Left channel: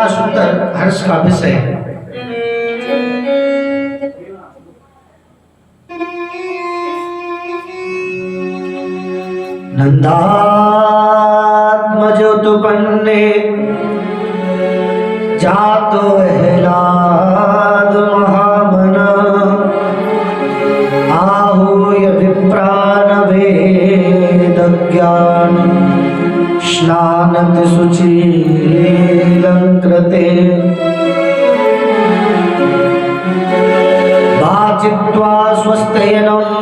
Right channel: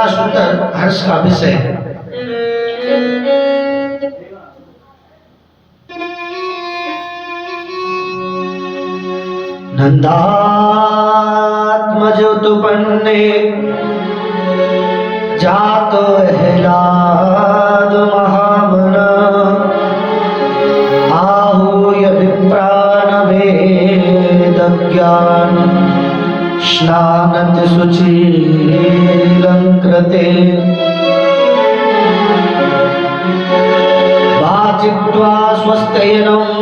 बड़ा सुंदर हर्ष का विषय है। नंदात्मजोतुपन्ने जातो हेलाद महामना आहूय विप्रान वेदज्ञान स्नानत शुचीलंकृते वाचित्वा स्वस्तेनं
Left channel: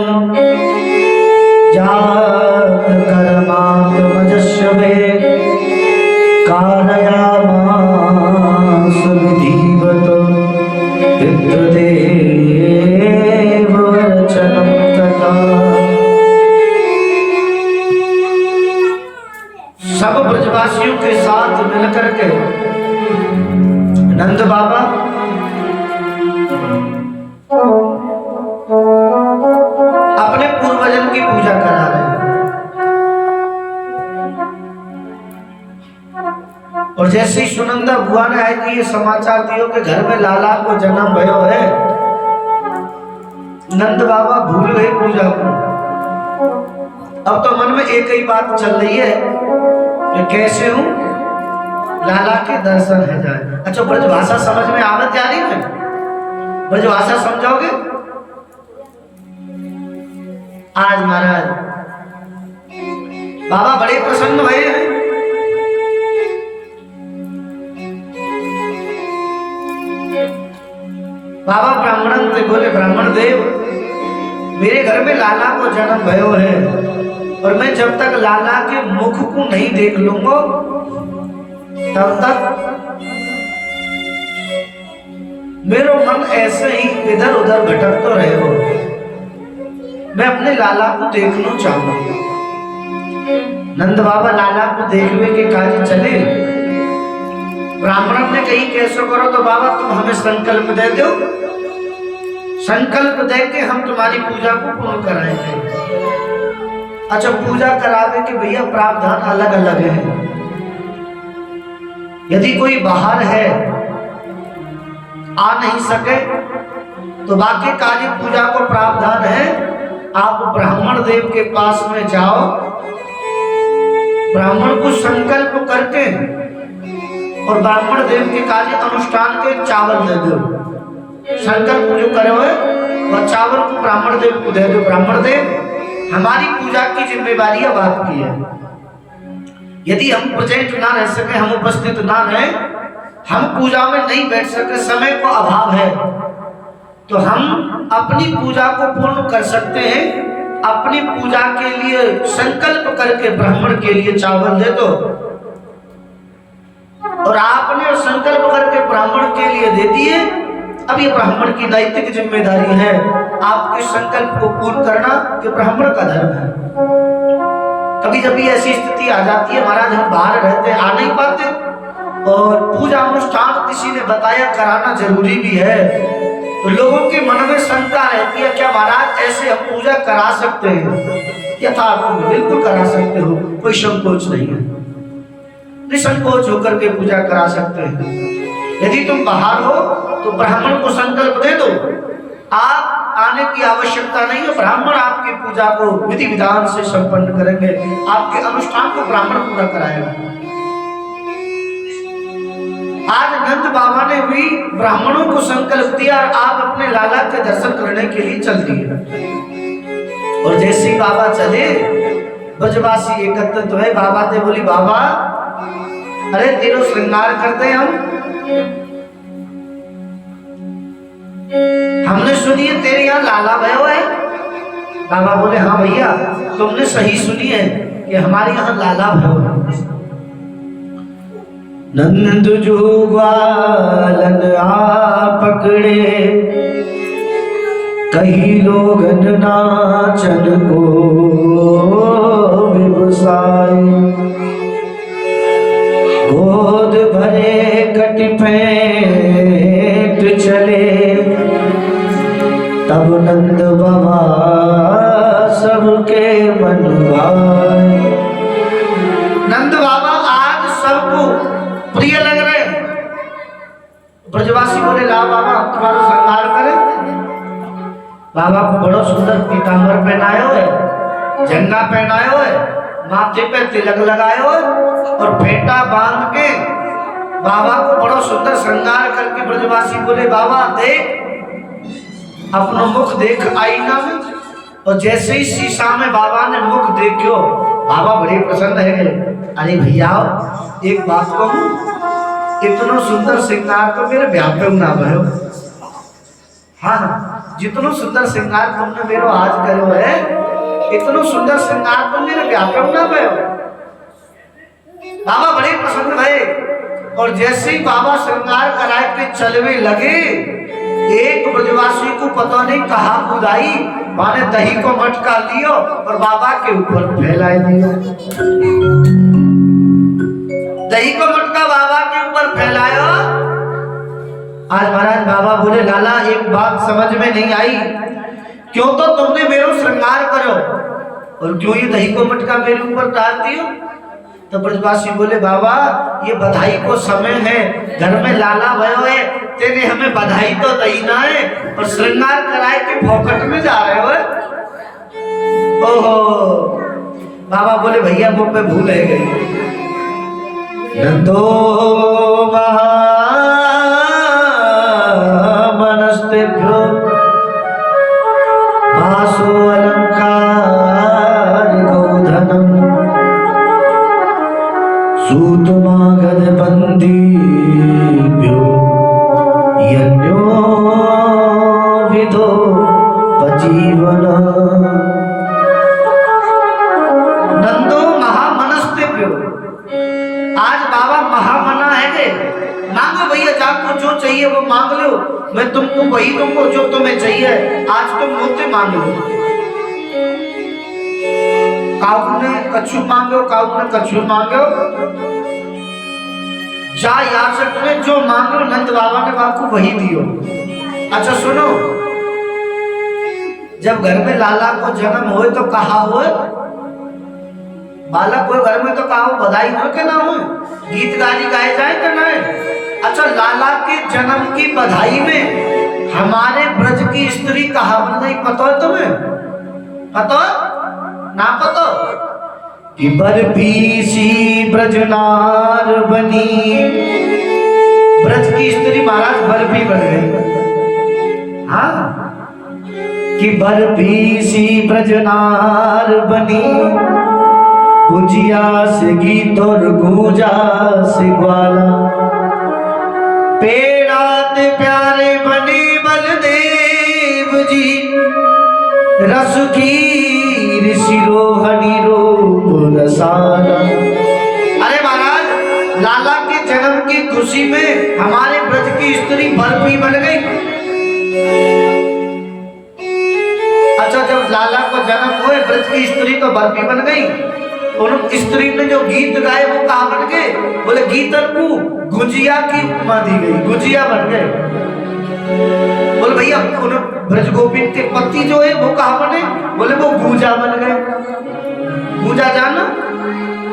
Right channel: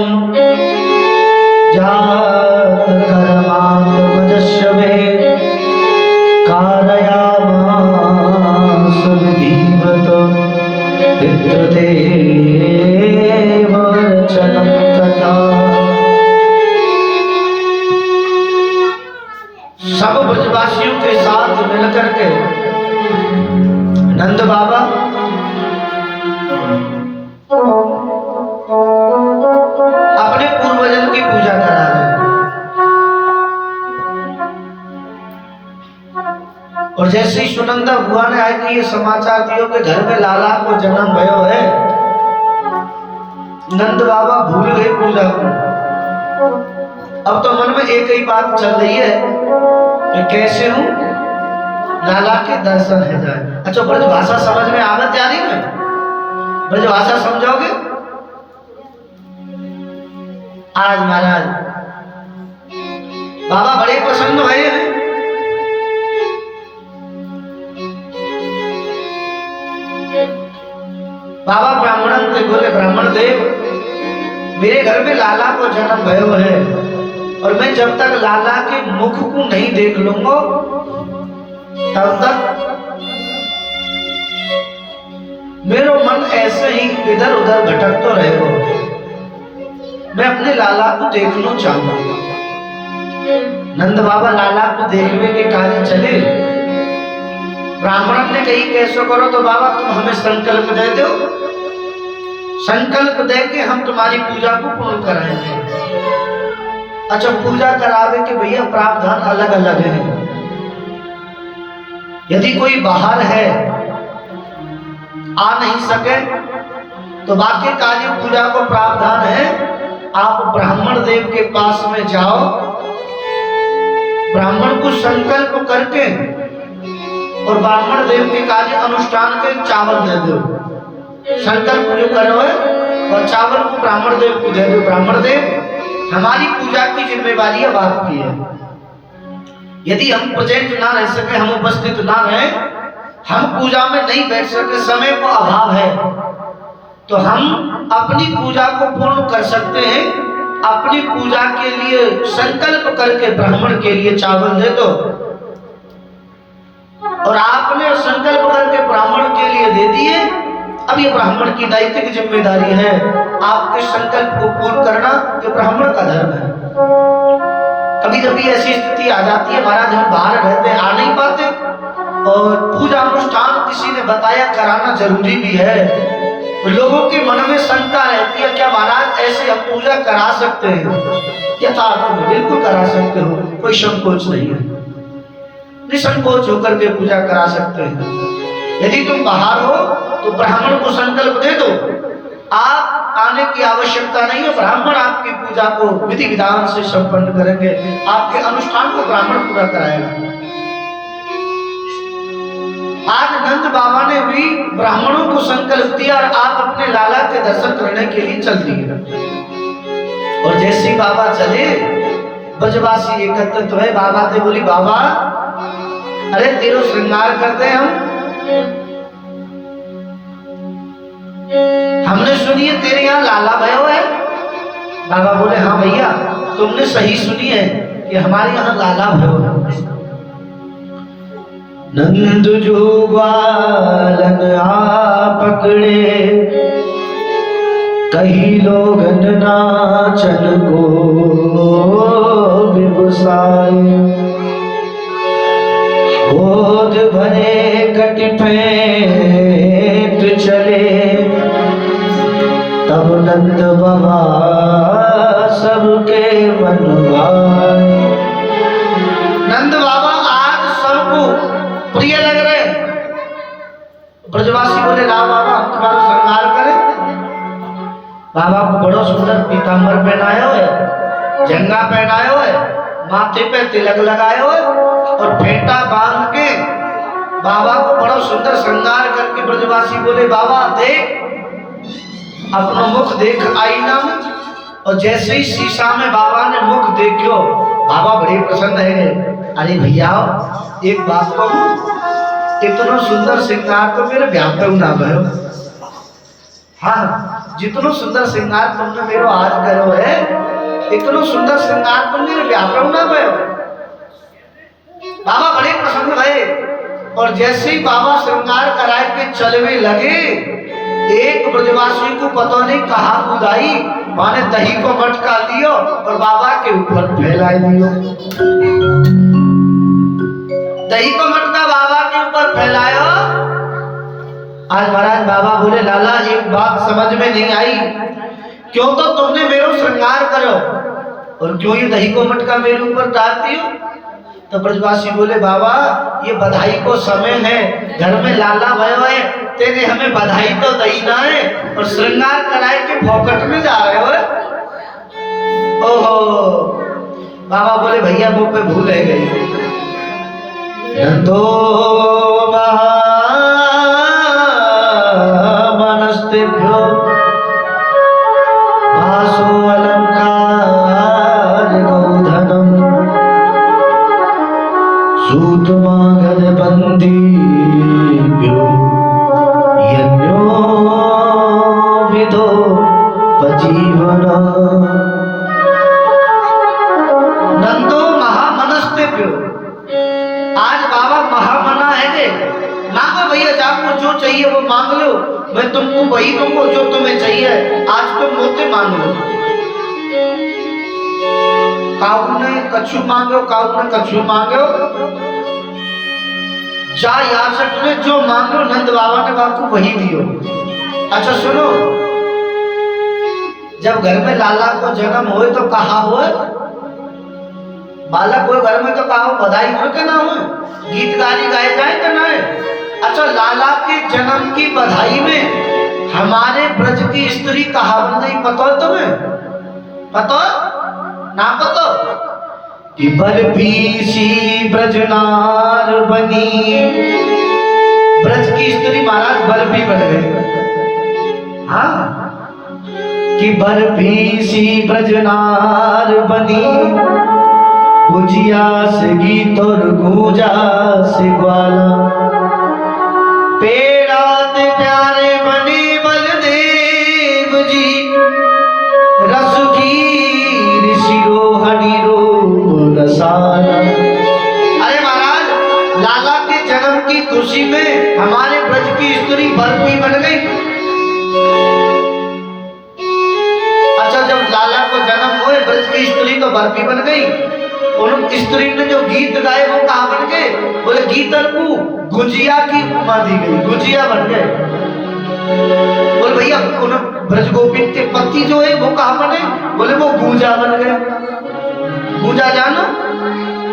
जातकर्मात्मजस्य वे कारयामास विधिवत विद्युदेव वचनं तथा। सब ब्रजवासियों के साथ मिलकर के नंद बाबा अपने पूर्वजन की पूजा करा रहे हैं। और जैसे ही सुनंदा बुआ ने आए कि ये समाचार दियो कि घर में लाला को जन्म भयो है, नंद बाबा भूल गए पूजा को। अब तो मन में एक ही बात चल रही है कि कैसे हूं लाला के दर्शन है जाए। अच्छा, ब्रजभाषा समझ में आवत जा रही है? ब्रजभाषा समझोगे? आज महाराज बाबा बड़े प्रसन्न हुए हैं। बाबा ब्राह्मण से बोले, ब्राह्मण देव मेरे घर में लाला को जन्म भयो है और मैं जब तक लाला के मुख को नहीं देख लूंगा तब तक मेरा मन ऐसे ही इधर उधर भटकता रहेगा। मैं अपने लाला को देखना चाहूंगा। नंद बाबा लाला को देखने के कार्य चले। ब्राह्मण ने कही कैसे करो, तो बाबा तुम हमें संकल्प दे दो, संकल्प दे के हम तुम्हारी पूजा को पूर्ण कराएंगे। अच्छा, पूजा करावे के भैया प्रावधान अलग अलग है। यदि कोई बाहर है आ नहीं सके तो बाकी कार्य पूजा को प्रावधान है। आप ब्राह्मण देव के पास में जाओ, ब्राह्मण को संकल्प करके और ब्राह्मण देव के कार्य अनुष्ठान के चावल दे दो। संकल्प जो करे हुए और चावल को ब्राह्मण देव को दे दो। ब्राह्मण देव हमारी पूजा की जिम्मेवारी अब आपकी है। यदि हम प्रेजेंट ना रह सके, हम उपस्थित ना रहे, हम पूजा में नहीं बैठ सके, समय को अभाव है, तो हम अपनी पूजा को पूर्ण कर सकते हैं। अपनी पूजा के लिए संकल्प करके ब्राह्मण के लिए चावल दे दो और आपने संकल्प करके ब्राह्मण के लिए दे दिए। अब ये ब्राह्मण की नैतिक जिम्मेदारी है आपके संकल्प को पूर्ण करना, जो ब्राह्मण का धर्म है। कभी कभी ऐसी स्थिति आ जाती है महाराज, हम बाहर रहते आ नहीं पाते और पूजा अनुष्ठान किसी ने बताया कराना जरूरी भी है, तो लोगों के मन में शंका रहती है क्या महाराज ऐसे हम पूजा करा सकते हैं? यथार्थ में बिल्कुल करा सकते हो, कोई संकोच नहीं है, निसंकोच होकर के पूजा करा सकते हैं। यदि तुम बाहर हो तो ब्राह्मण को संकल्प दे दो, आप आने की आवश्यकता नहीं है। ब्राह्मण आपकी पूजा को विधि विधान से संपन्न करेंगे, आपके अनुष्ठान को ब्राह्मण पूरा कराएगा। आज नंद बाबा ने भी ब्राह्मणों को संकल्प दिया और आप अपने लाला के दर्शन करने के लिए चल दिए। और जैसे ही बाबा चले, ब्रजवासी एकत्रित हुए। बाबा से बोली, बाबा अरे तेरो श्रृंगार करते हम, हमने सुनी है तेरे यहाँ लाला भयो है। बाबा बोले, हाँ भैया तुमने सही सुनी है कि हमारे यहाँ लाला भयो है। नंद जो ग्वालन आ पकड़े, कई लोग नाचन को व्यवसाय, गोद भरे कटिफेट चले, तब नंद बाबा सबके मन भाए। नंद बाबा आज सबको प्रिय लग रहे हैं। बाबा को बड़ो सुंदर पीताम्बर पहनायो है, झंडा पहनायो है, माथे पे तिलक लगायो है और फेंटा बांध के बाबा को बड़ो सुंदर श्रृंगार करके ब्रजवासी बोले बाबा देख अपना मुख देख आईना में। और जैसे ही शीशा में बाबा ने मुख देखो बाबा बड़े प्रसन्न है। अरे भैया एक बात कहूं, इतना सुंदर श्रृंगार तो मेरे ब्याह पे ना भयो। हाँ जितना सुंदर श्रृंगार तुमने मेरे आज करो है, इतना सुंदर श्रृंगार तो मेरे ब्याह पे ना भयो। बाबा बड़े प्रसन्न भये और जैसे ही बाबा श्रृंगार करा के चलने लगे, एक ब्रजवासी को पता नहीं कहा उदाई माने दही को मटका लियो और बाबा के ऊपर फैला दियो। दही को मटका बाबा के ऊपर फैलायो। आज महाराज बाबा बोले लाला एक बात समझ में नहीं आई, क्यों तो तुमने मेरा श्रृंगार करो और क्यों ये दही को मटका मेरे ऊपर डालती हो। तो ब्रजवासी बोले बाबा ये बधाई को समय है, घर में लाला भयो है, तेरे हमें बधाई तो देना है और श्रृंगार कराए के फोकट में जा रहे हो। ओहो बाबा बोले भैया वो पे भूल है गई। नंदो महामनस्तेभ्यो भासो अलंकार गोधनम सूतमागध बंदीभ्यो यज्ञो विदो पजीवन। नंदो महामनस्तेभ्यो, आज बाबा महामना है के मांगो भैया आपको जो चाहिए वो मांग लो, मैं तुमको वही दूंगा जो तुम्हें चाहिए। आज तुम रोते मांग लो। काऊ ने कछु मांगो, काऊ ने कछु मांगो, जा याचक ने जो मांगो नंद बाबा ने आपको वही दियो। अच्छा सुनो, जब घर में लाला को जन्म होए तो कहा हो बालक कोई घर में तो कहा बधाई हो के ना हो, गीत गाली गाए जाए तो ना है। अच्छा लाला के जन्म की बधाई में हमारे ब्रज की स्त्री कहावत नहीं पता है तुम्हें? पता ना पता कि बरपीसी ब्रजनार बनी, ब्रज की स्त्री महाराज बरपी बन गई। हाँ कि बरपीसी ब्रजनार बनी, गुंजिया से गीत और गूंजा से ग्वाला, पेड़ाते प्यारे बनी बलदेव जी, रस की शिरोहनी रूप रसाला। अरे महाराज लाला के जन्म की खुशी में हमारे ब्रज की स्त्री बर्फी बन गई। अच्छा जब लाला को जन्म हुए ब्रज की स्त्री तो बर्फी बन गई। उन स्त्री ने जो गीत गाए वो कहा बन गए? बोले गीतन को गुजिया की उपमा दी गई, गुजिया बन गए। बोले भैया ब्रज गोविंद के पति जो है वो कहा बने? बोले वो गूंजा बन गए। गूंजा जानो,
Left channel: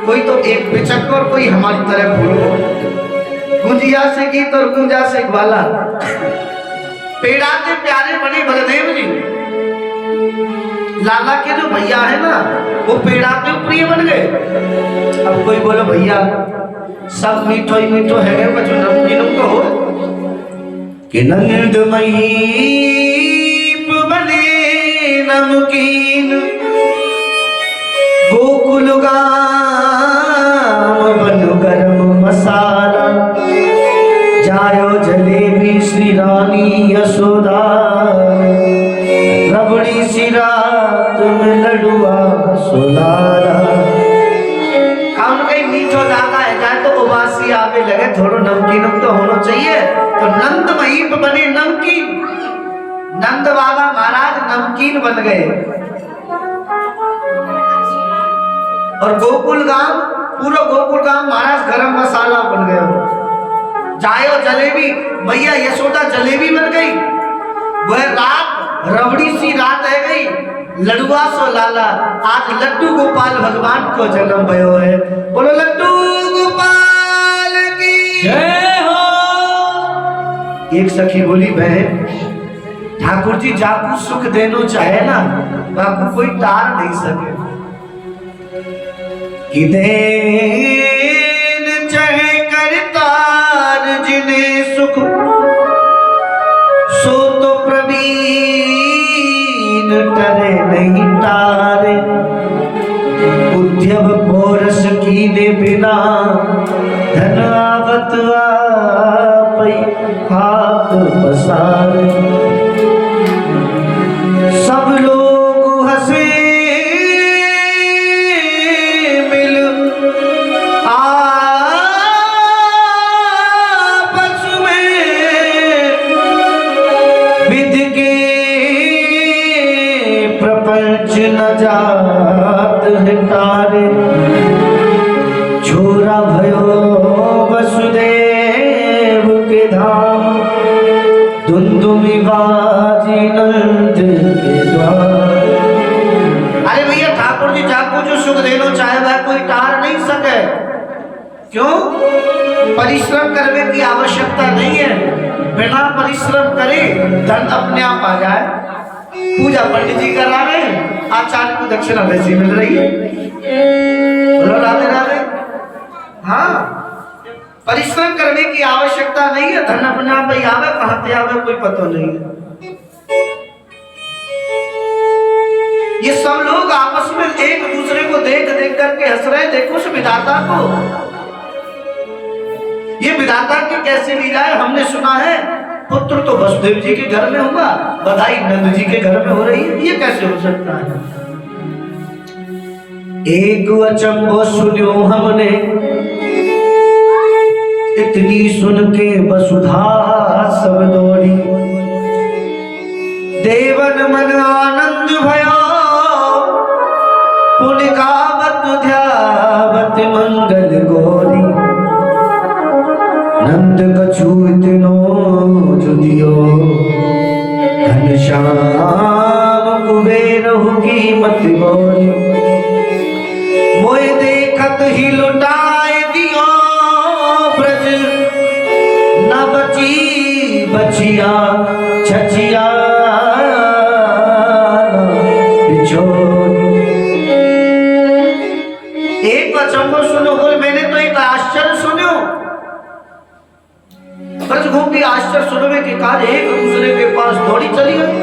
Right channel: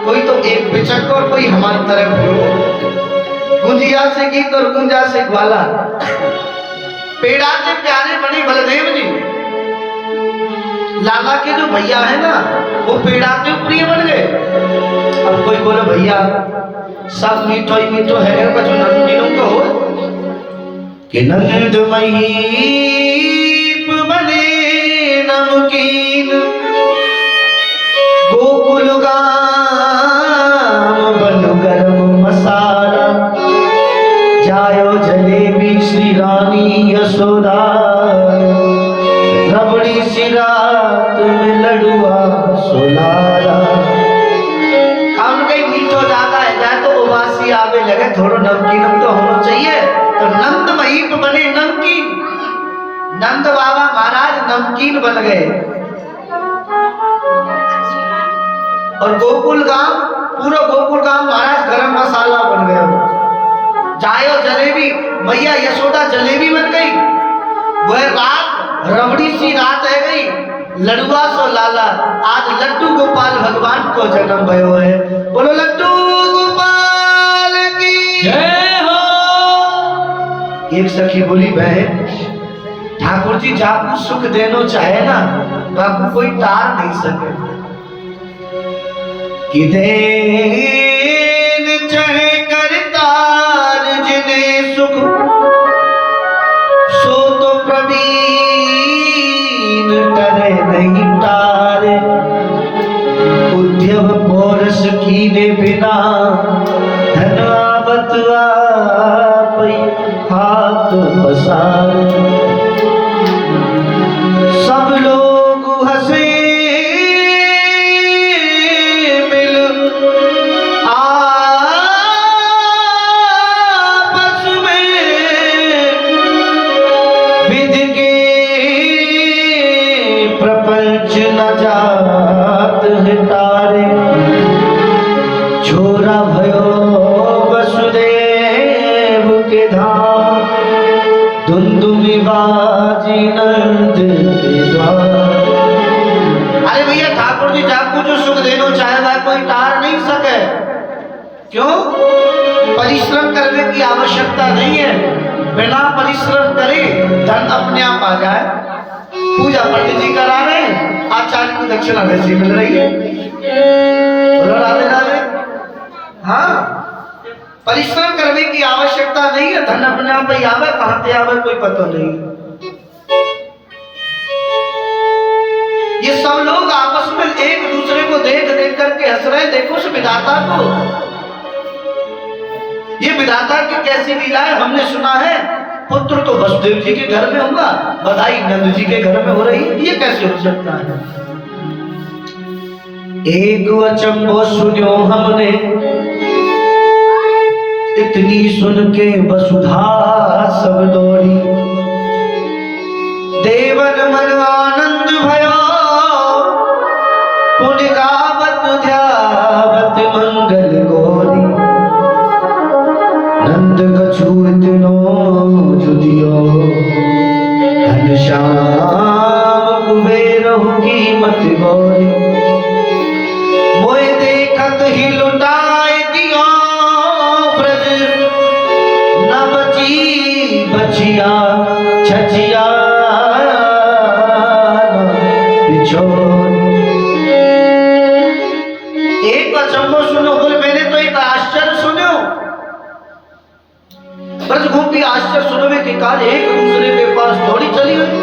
कोई तो एक पिचक और कोई हमारी तरफ बोलो। गुंजिया से गीत और गूंजा से ग्वाला, पेड़ा के प्यारे बने बलदेव जी। लाला के जो भैया है ना वो पेड़ा के प्रिय बन गए। अब कोई बोले भैया सब मीठो ही मीठो है, कुछ नमकीन तो हो कि नंदमयी बने नमकीन, गोकुल गाम बन गरम मसाला, जायो जलेबी श्री रानी यशोदा, रबड़ी सी रात में लडुआ सोलारा। काउन कहीं मीठो ज्यादा है जाए तो उबासी आवे लगे, थोड़ा नमकीन तो होना चाहिए। तो नंद महीप बने नमकीन, नंद बाबा महाराज नमकीन बन गए। और गोकुल गांव, पूरा गोकुल गांव महाराज गरम मसाला बन गए। जायो जलेबी, मैया यशोदा जलेबी बन गई। वह रात रबड़ी सी रात है गई, लडुआ सो लाला। आज लड्डू गोपाल भगवान को जन्म भयो है। बोलो लड्डू गोपाल की जय हो। एक सखी बोली बहन ठाकुर जी जाकू सुख देनो चाहे ना, बाकू कोई टार नहीं सके। कि देन चाहे करतार जिन्हें सुख, सो तो प्रवीण करे नहीं टारे। उद्यम पोरस कीने बिना, धन आवत आपै हाथ पसारे। सब लोग हंसे मिल आपस में, विधि के प्रपंच न जात है तारे। छोरा भयो वसुदेव के धाम, धुंधुमी बाजी नंद के द्वार। अरे भैया ठाकुर जी जाकू जो सुख देनो चाहे वह कोई टार नहीं सके। क्यों? परिश्रम करने की आवश्यकता नहीं है। बिना परिश्रम करे धन अपने आप आ जाए। पूजा पंडित जी करा रहे हैं, आचार्य को दक्षिणा वैसे मिल रही है। बोलो राधे राधे। हाँ, परिश्रम करने की आवश्यकता नहीं है, धन अपने आप ही आवे, कहां से आवे कोई पता नहीं। ये सब लोग आपस में एक दूसरे को देख देख करके हंस रहे। देखो उस विधाता को, ये विधाता की कैसी लीला है। हमने सुना है पुत्र तो वसुदेव जी के घर में हुआ, बधाई नंद जी के घर में हो रही। ये कैसे हो सकता है? एक अचंभो सुनियो हमने, इतनी सुन के वसुधा सब दौड़ी। देवन मन आनंद भयो, पुण्य गावत ध्यावत मंगल गौरी। नंद कछु इतनो जुदियो, घनश्याम कुबेरहु की मत गौरी। मोय देखत ही लुटाए दियो ब्रज, न बची बचिया छचिया बिछोरी। एक अचंभो सुनो, बोले मैंने तो एक आश्चर्य सुनो। ब्रजभूमि आश्चर्य सुनने के कारण एक दूसरे के पास दौड़ी चली गई।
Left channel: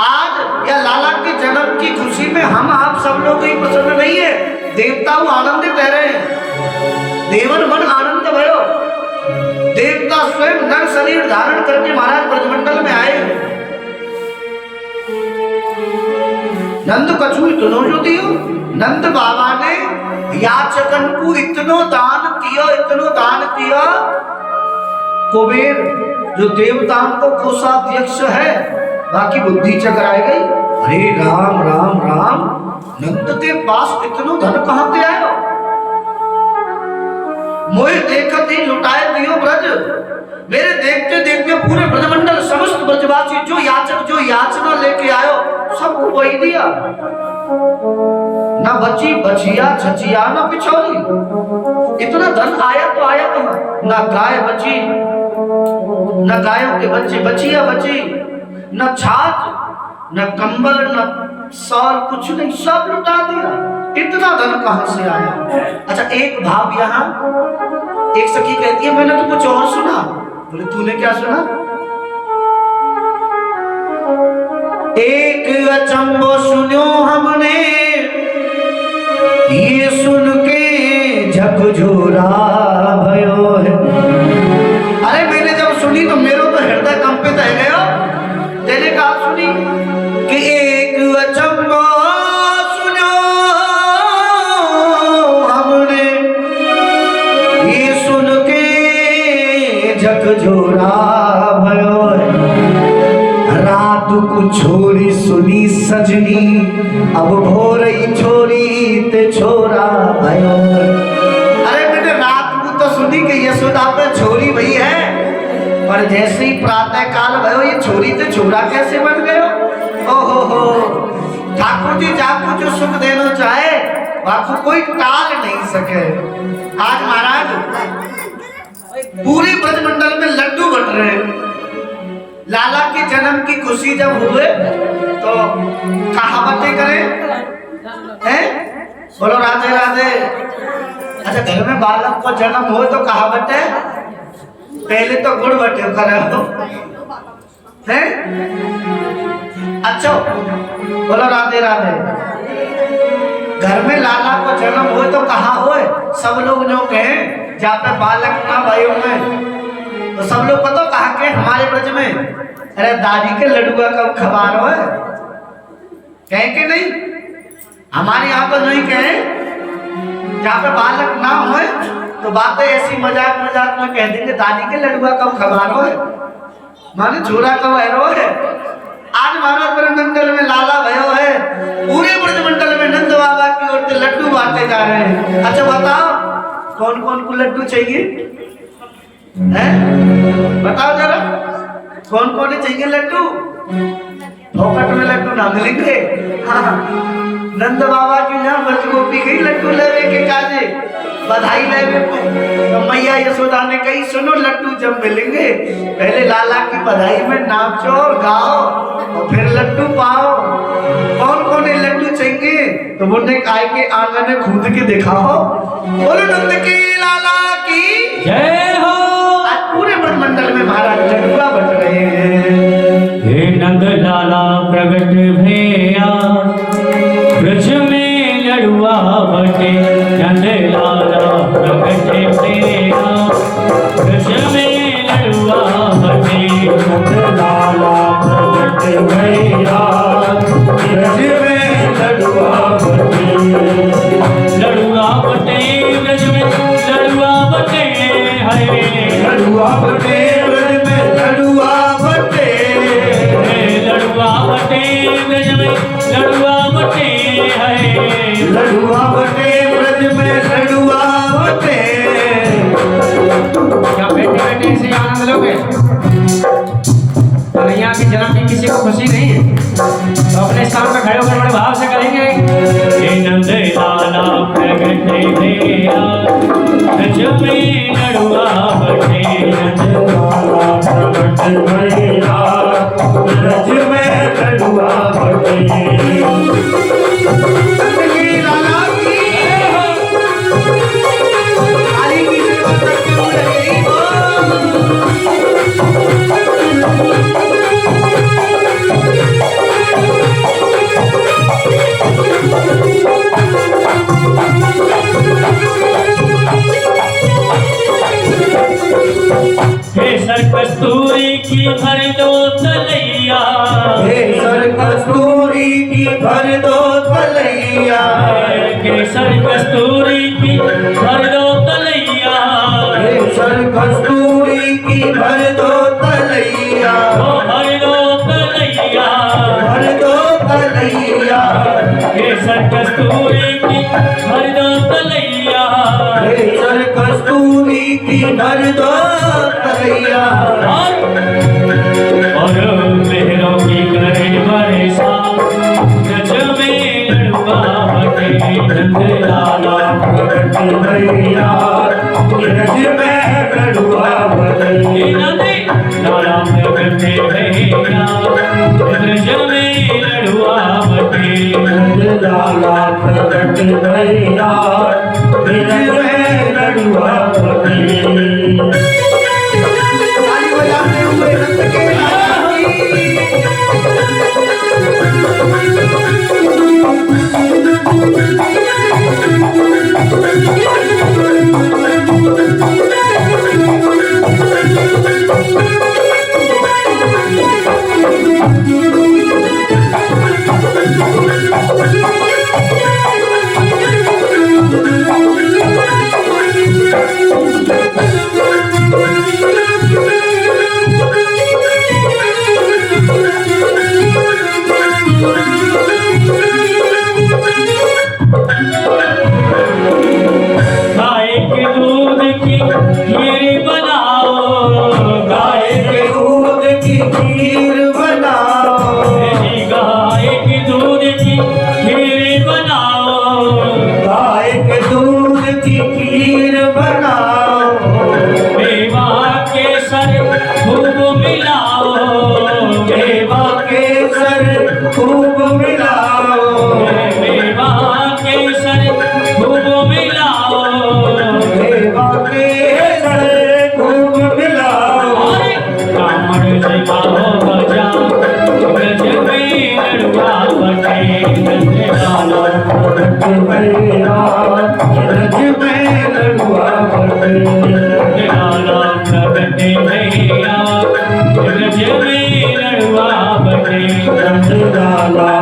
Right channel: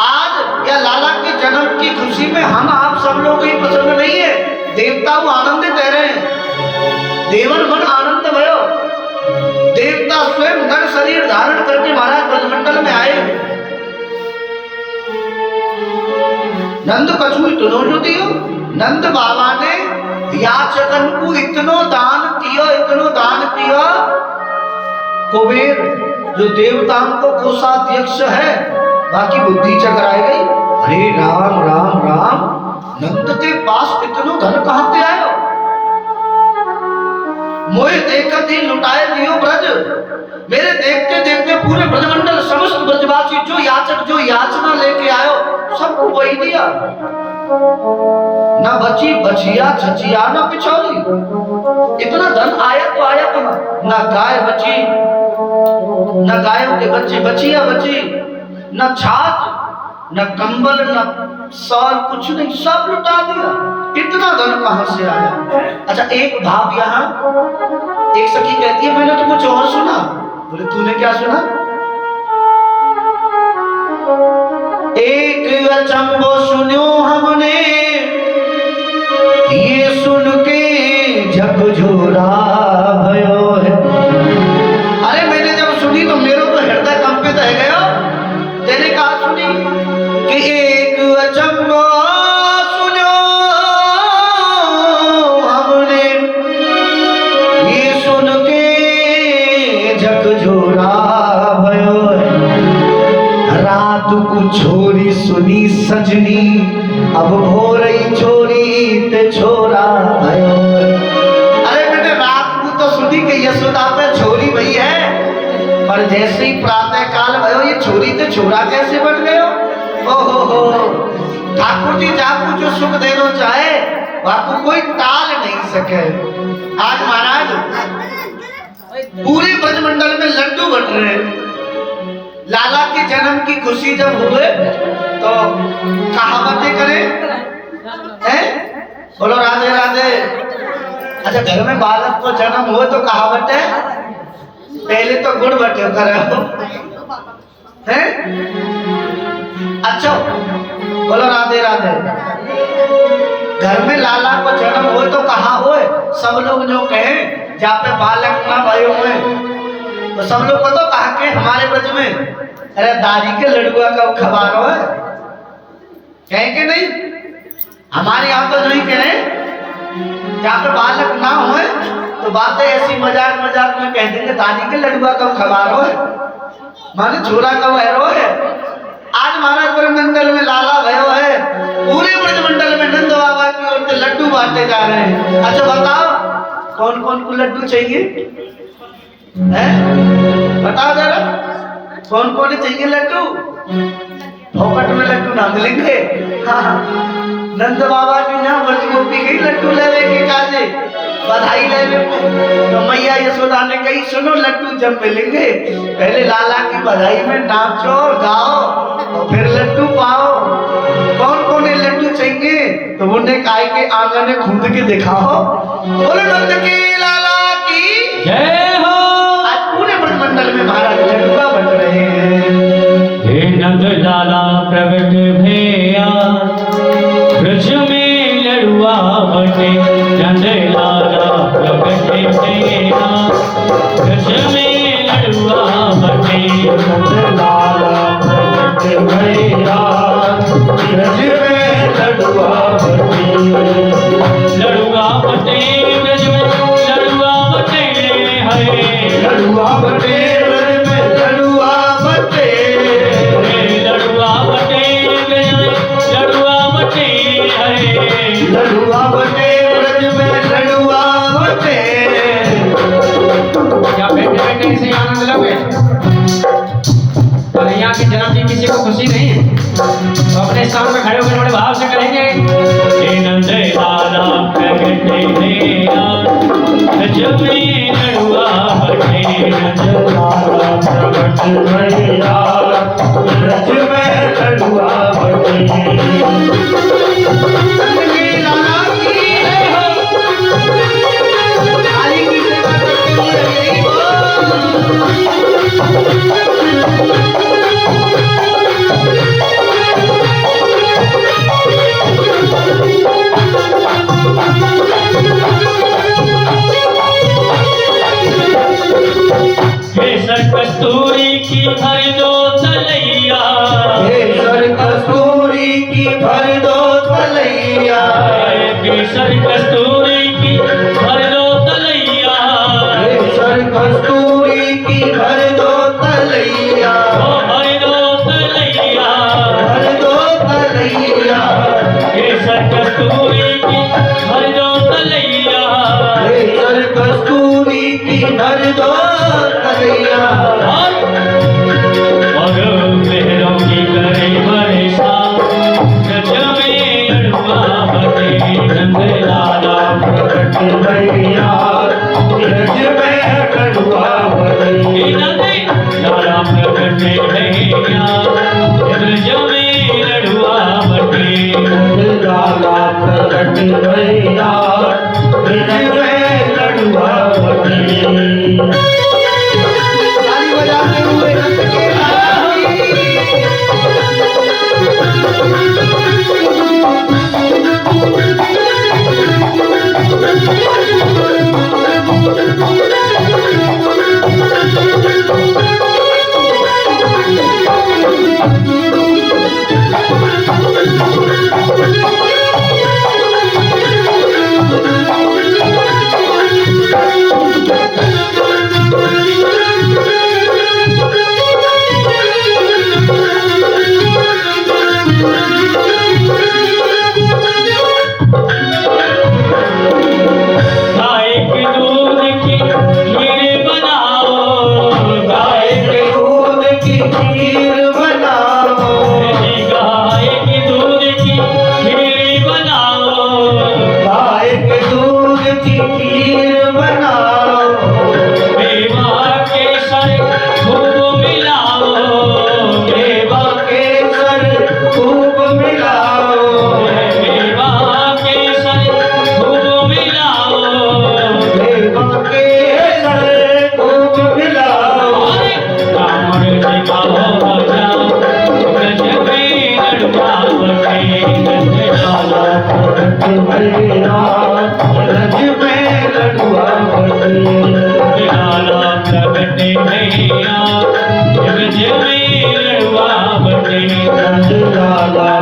आज या लाला के जन्म की खुशी में हम आप सब लोग ही पसंद नहीं है, देवता आनंदित रह रहे हैं। देवर मन आनंद भयो। देवता स्वयं नर शरीर धारण करके महाराज ब्रजमंडल में आए। नंद कछु इतनो जो दियो, नंद बाबा ने याचकन को इतनो दान किया, इतनो दान किया। कुबेर जो देवताओं को कोषाध्यक्ष है, बाकी बुद्धि चकराई गई। अरे राम राम राम, नंद के पास इतनो धन कहां से आयो? मोए देखत ही लुटाए दियो ब्रज। मेरे देखते देखते पूरे ब्रजमंडल समस्त ब्रजवासी जो याचक जो याचना लेके आयो, सबको वही दिया। न बची बचिया छचिया न बिछोरी। इतना धन आया तो आया कहां? न गाय बची, न गायों के बच्चे बचिया बची, न छाछ न कंबल न साल, कुछ नहीं, सब लुटा दिया। इतना धन कहां से आया? अच्छा एक भाव यहाँ, एक सखी कहती है मैंने तो कुछ और सुना। बोले तूने क्या सुना? एक अचंभो सुनो हमने, ये सुन के झकझोरा भयो है। अरे मैंने जब सुनी तो मेरा तो हृदय कंपित रह गया। तेने कहा सुनी कि एक अचंभो सुनो हमने, ये सुन के झकझोरा भयो है। रात को छोरी सुनी सजनी, अब भोरई छोरी ते छोरा भयो। अरे बेटे रात को तो सुनी कि यशोदा पे छोरी भई है, पर जैसे ही प्रातः काल भयो ये छोरी ते छोरा कैसे बन गयो? ओहो, ठाकुर जी जाकू जो सुख देना चाहे बापू कोई टाल नहीं सके। आज महाराज पूरे ब्रजमंडल में लड्डू बट रहे हैं। लाला के जन्म की खुशी जब हुए तो कहावतें करें हैं? बोलो राधे राधे। अच्छा, घर में बालक को जन्म हुए तो कहावत है पहले तो गुड़ बटे करे हो हैं? अच्छा, बोलो राधे राधे। घर में लाला को जन्म हो तो कहा हो, सब लोग जो कहे जहाँ पे बालक ना भाइयों में तो सब लोग को तो कहा के हमारे ब्रज में अरे दादी के लड्डुआ कब खबारो है, कहे के नहीं? हमारे यहाँ तो नहीं कहे, जहाँ पे बालक ना हो तो बातें ऐसी मजाक मजाक में कह देंगे दादी के लड्डुआ कब खबारो है, माने छोरा कब हैरो है। आज महाराज ब्रह्मंडल में लाला भयो है, पूरे ब्रजमंडल में नंद बाबा की ओर से लड्डू बांटे जा रहे हैं। अच्छा बताओ कौन कौन को लड्डू चाहिए हैं? बताओ जरा कौन कौन चाहिए लड्डू? फोकट में लड्डू ना मिलेंगे। हाँ, नंद बाबा की ना ब्रज गोपी गई लड्डू लेवे के काजे बधाई लेवे तो मैया यशोदा ने कही सुनो लड्डू जब मिलेंगे पहले लाला की बधाई में नाचो और गाओ और फिर लड्डू पाओ। कौन कौन ये लड्डू चाहिए? तो उन्होंने काय के आंगन में कूद के दिखाओ, बोलो नंद की लाला की जय हो। आज पूरे ब्रह्मंडल में महाराज लड्डुआ बन रहे हैं। हे नंद लाला प्रगट भैया ब्रज में लड़ुआ बटे, नंद लाला प्रगट भैया ब्रज में लड़ुआ बटे, नंद लाला प्रगट भैया ब्रज में लड़ुआ बटे, लड़ुआ बटे ब्रज में लड़ुआ बटे, हरे लड़ुआ बटे ब्रज में लड़ुआ बटे, लड़ुआ बटे ब्रज में लड़ुआ बटे, हरे लड़ुआ बटे ब्रज में लड़ुआ बटे। क्या बैठे बैठे इसे आनंद लोगे? तो यहाँ की जन्म की किसी को खुशी नहीं तो अपने स्थान में खड़े होकर बड़े भाव से करेंगे। हे नंद लाला प्रगट भैया ब्रज में लड़ुआ बटे, नंद लाला प्रगट भैया ब्रज में लड़ुआ बटे। कस्तूरी की भर दो तलैया, केसर कस्तूरी की भर दो तलैया, केसर कस्तूरी की भर दो तलैया, केसर कस्तूरी की भर दो तलैया, भर दो तलैया, भर दो तलैया, केसर कस्तूरी की भर दो तलैया, केसर कस्तूरी की भर दो तलैया। और मेहरों की करे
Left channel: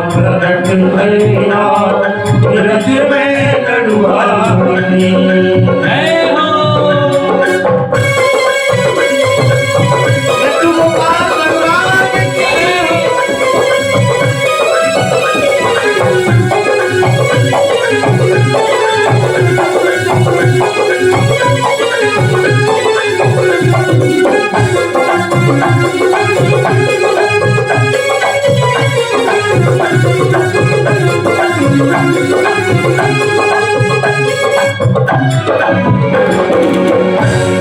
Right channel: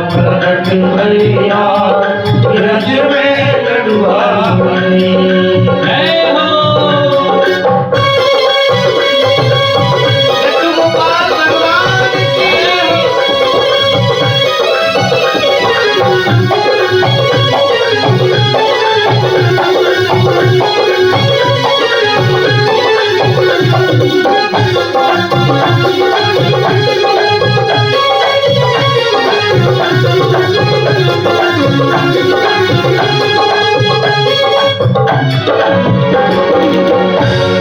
प्रकट भैया रज में लड़ुआ बनी। जय हो लड्डू गोपाल भगवान की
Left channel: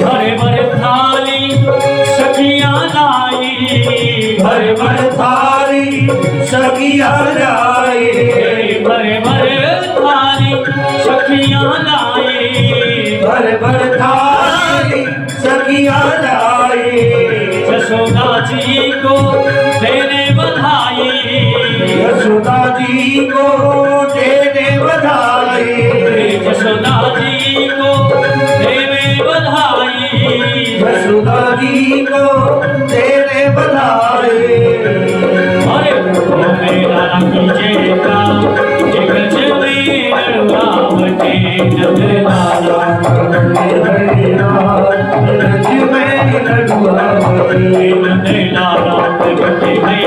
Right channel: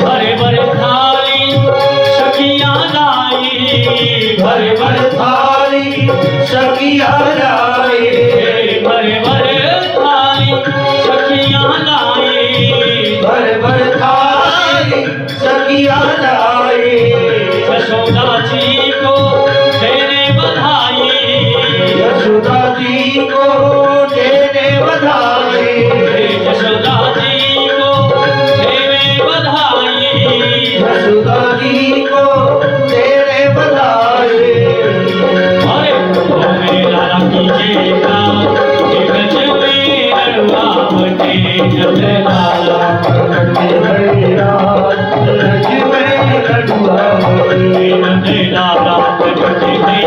भरे भरे थाली सखियां लाई, भरे भरे थाली सखिया लाई, भरे भरे थाली सखियां लाई, भरे भरे थाली सखिया लाई। यशोदा जी को तेरे बधाई, यशोदा जी को देने बधाई, यशोदा जी को तेरे बधाई, यशोदा जी को देने बधाई। अरे तो मेरा कीजिए का जगत में रुआवटे जय लाला रज में लड़ुआ बनी। जय लाला जगत में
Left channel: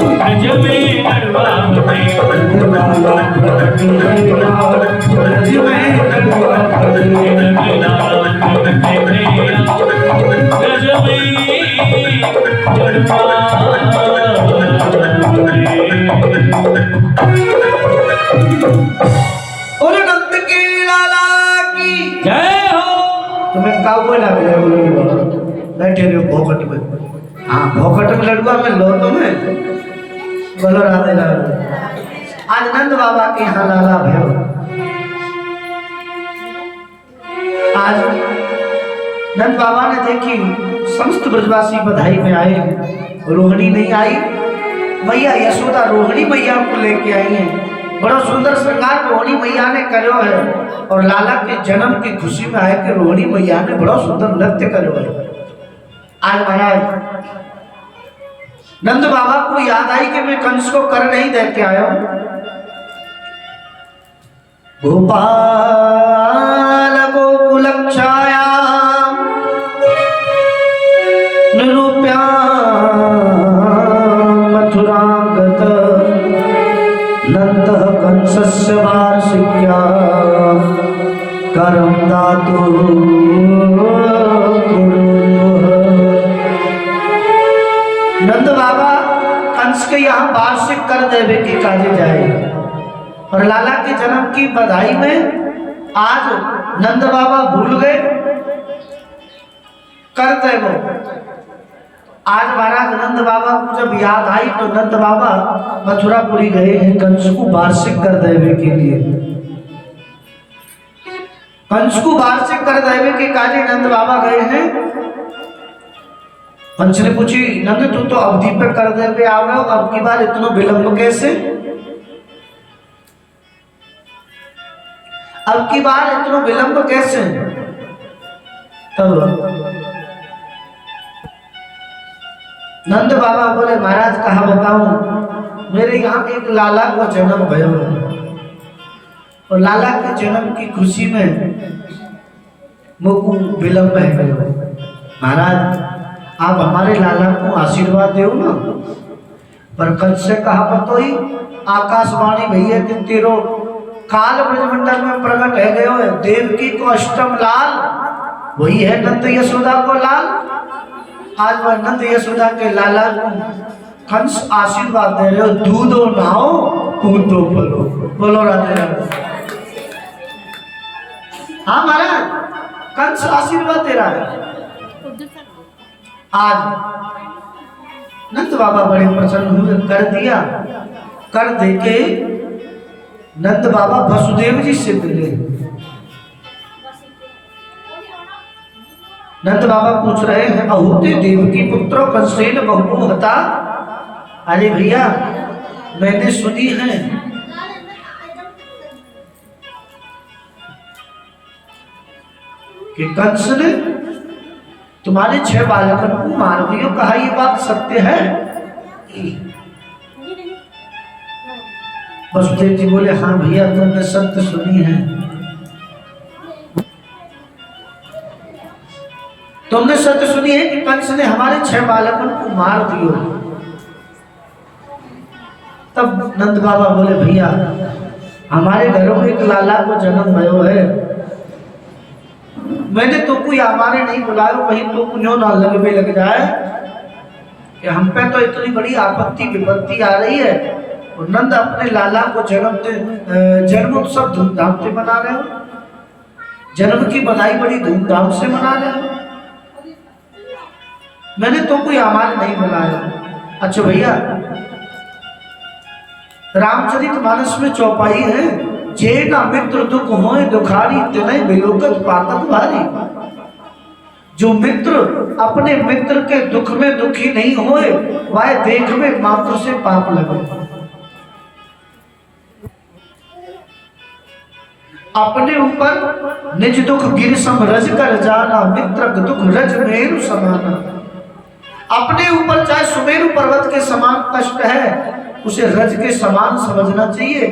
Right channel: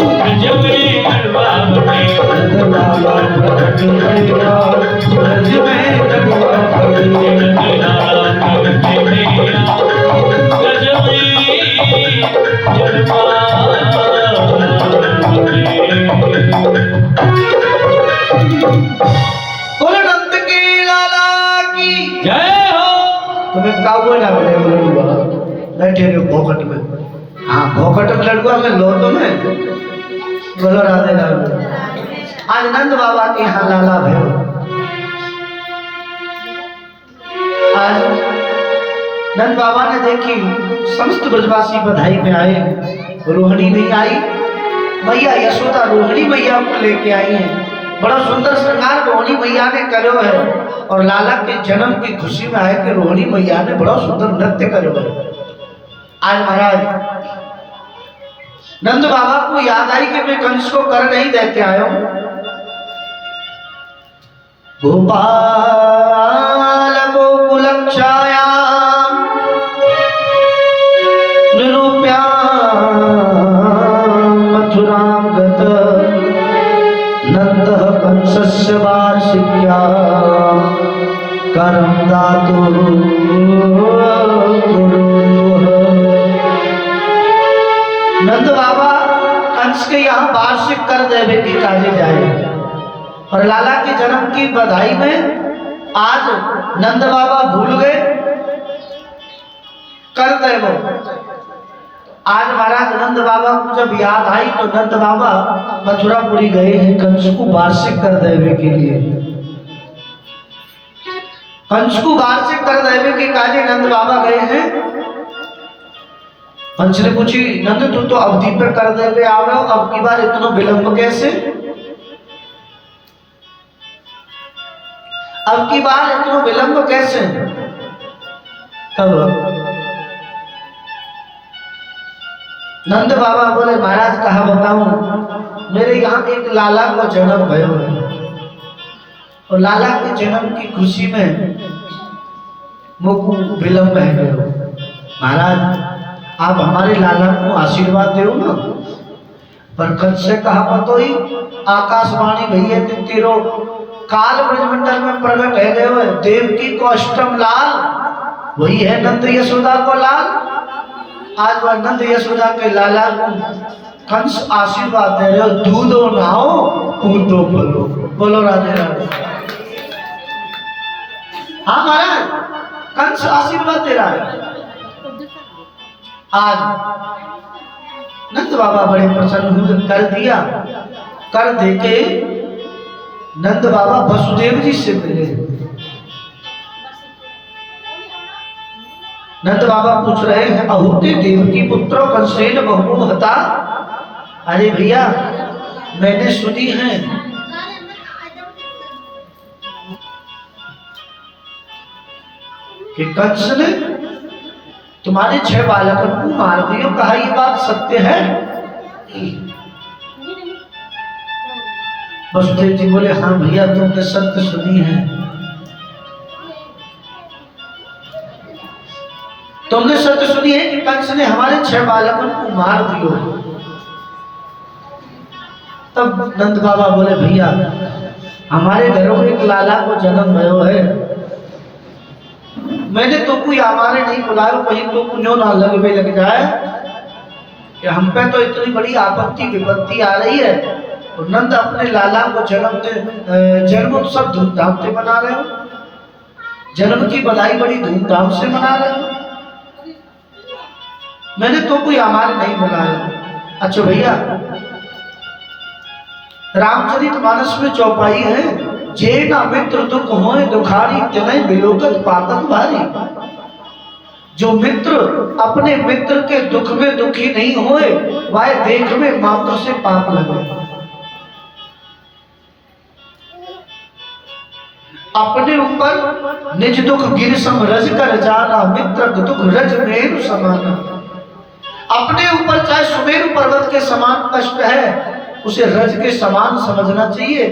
रज में रुआवटे लाला प्रकट भैया रज में लड़ुआ बनी। जय लाला जगत में रज में बोलो नंद की लाला की जय हो। तुम्हें का बोला लड़ुआ बैठे रहो भोकट में। हाँ भोकट में लड़ुआ में लो तुम्हें बोलो राधे राधे। आज नंद बाबा के यहाँ लाला भैरव, आज नंद बाबा ने देखी समस्त ब्रजवासी बधाई में आए, रोहिणी नहीं आई, मैया यशोदा रोहिणी मैया को लेके आई है। बड़ा सुंदर श्रृंगार रोहिणी मैया ने करो है और लाला के जन्म की खुशी में आए कि रोहिणी मैया ने बड़ा सुंदर नृत्य करो है। आज महाराज नंद बाबा को याद आई कि मैं कंस को कर नहीं देते आया हूं। गोपाल गोकुलक्षाया निरूप्या मथुरां गत नंदः कंसस्य वार्षिक्या करं दातु नंद बाबा कंस के यहाँ वार्षिक कर देवे की काजे जाए और लाला के जन्म की बधाई में आज नंद बाबा भूल गए कर दे वो। आज महाराज नंद बाबा को जब याद आई तो नंद बाबा मथुरापुरी गए हैं कंस को वार्षिक कर देवे के लिए। कंस को वार्षिक कर देवे के काजे नंद बाबा गए हैं। कंस ने पूछी नंद तू तो अवधि पे कर देवे आओ, अब की बार इतना विलंब कैसे? अब की बार इतना विलंब कैसे? तब नंद बाबा बोले महाराज कहा बताऊं, मेरे यहाँ एक लाला को जन्म भयो है और लाला के जन्म की खुशी में मुझको विलंब है गयो। महाराज आप हमारे लाला को आशीर्वाद दो ना। पर कंस से कहा बतोई आकाशवाणी भैया तेरो काल ब्रजमंडल में प्रकट है गयो है, देवकी को अष्टम लाल वही है नंद यशोदा को लाल। आज वह नंद यशोदा के लाला को कंस आशीर्वाद दे रहे हो, दूधो नहाओ कूदो बोलो, बोलो राधे राधे। हाँ महाराज कंस आशीर्वाद दे रहा है। आज नंद बाबा बड़े प्रसन्न हुए, कर दिया। कर देके नंद बाबा वसुदेव जी से मिले। नंद बाबा पूछ रहे हैं अहोते देवकी पुत्रो कंसेन बहुमोहता। अरे भैया मैंने सुनी है कि कंस ने तुम्हारे 6 बालकों को मार दियो, कहा ये बात सत्य है? वसुदेव जी बोले हाँ भैया तुमने सत्य सुनी है, तुमने सत्य सुनी है कि कंस ने हमारे 6 बालकों को मार दियो। तब नंद बाबा बोले भैया हमारे घरों में एक लाला को जन्म भयो है, मैंने तो कोई हमारे नहीं बुलायो, कहीं तो कुछ ना लग जाए कि हम पे तो इतनी बड़ी आपत्ति विपत्ति आ रही है। और नंद अपने लाला को जन्म उत्सव धूमधाम से मना रहे हो, जन्म की बधाई बड़ी धूमधाम से मना रहे हो, मैंने तो कोई हमारे नहीं बुलाया। अच्छा भैया रामचरितमानस में चौपाई है, जे ना मित्र दुख होए दुखारी तिनय विलोकत पातक भारी। जो मित्र अपने मित्र के दुख में दुखी नहीं होए वह देख में मात्र से पाप लगे। अपने ऊपर निज दुख गिर सम रज कर जाना, मित्र दुख रज मेरु समाना। अपने ऊपर चाहे सुमेरु पर्वत के समान कष्ट है उसे रज के समान समझना चाहिए,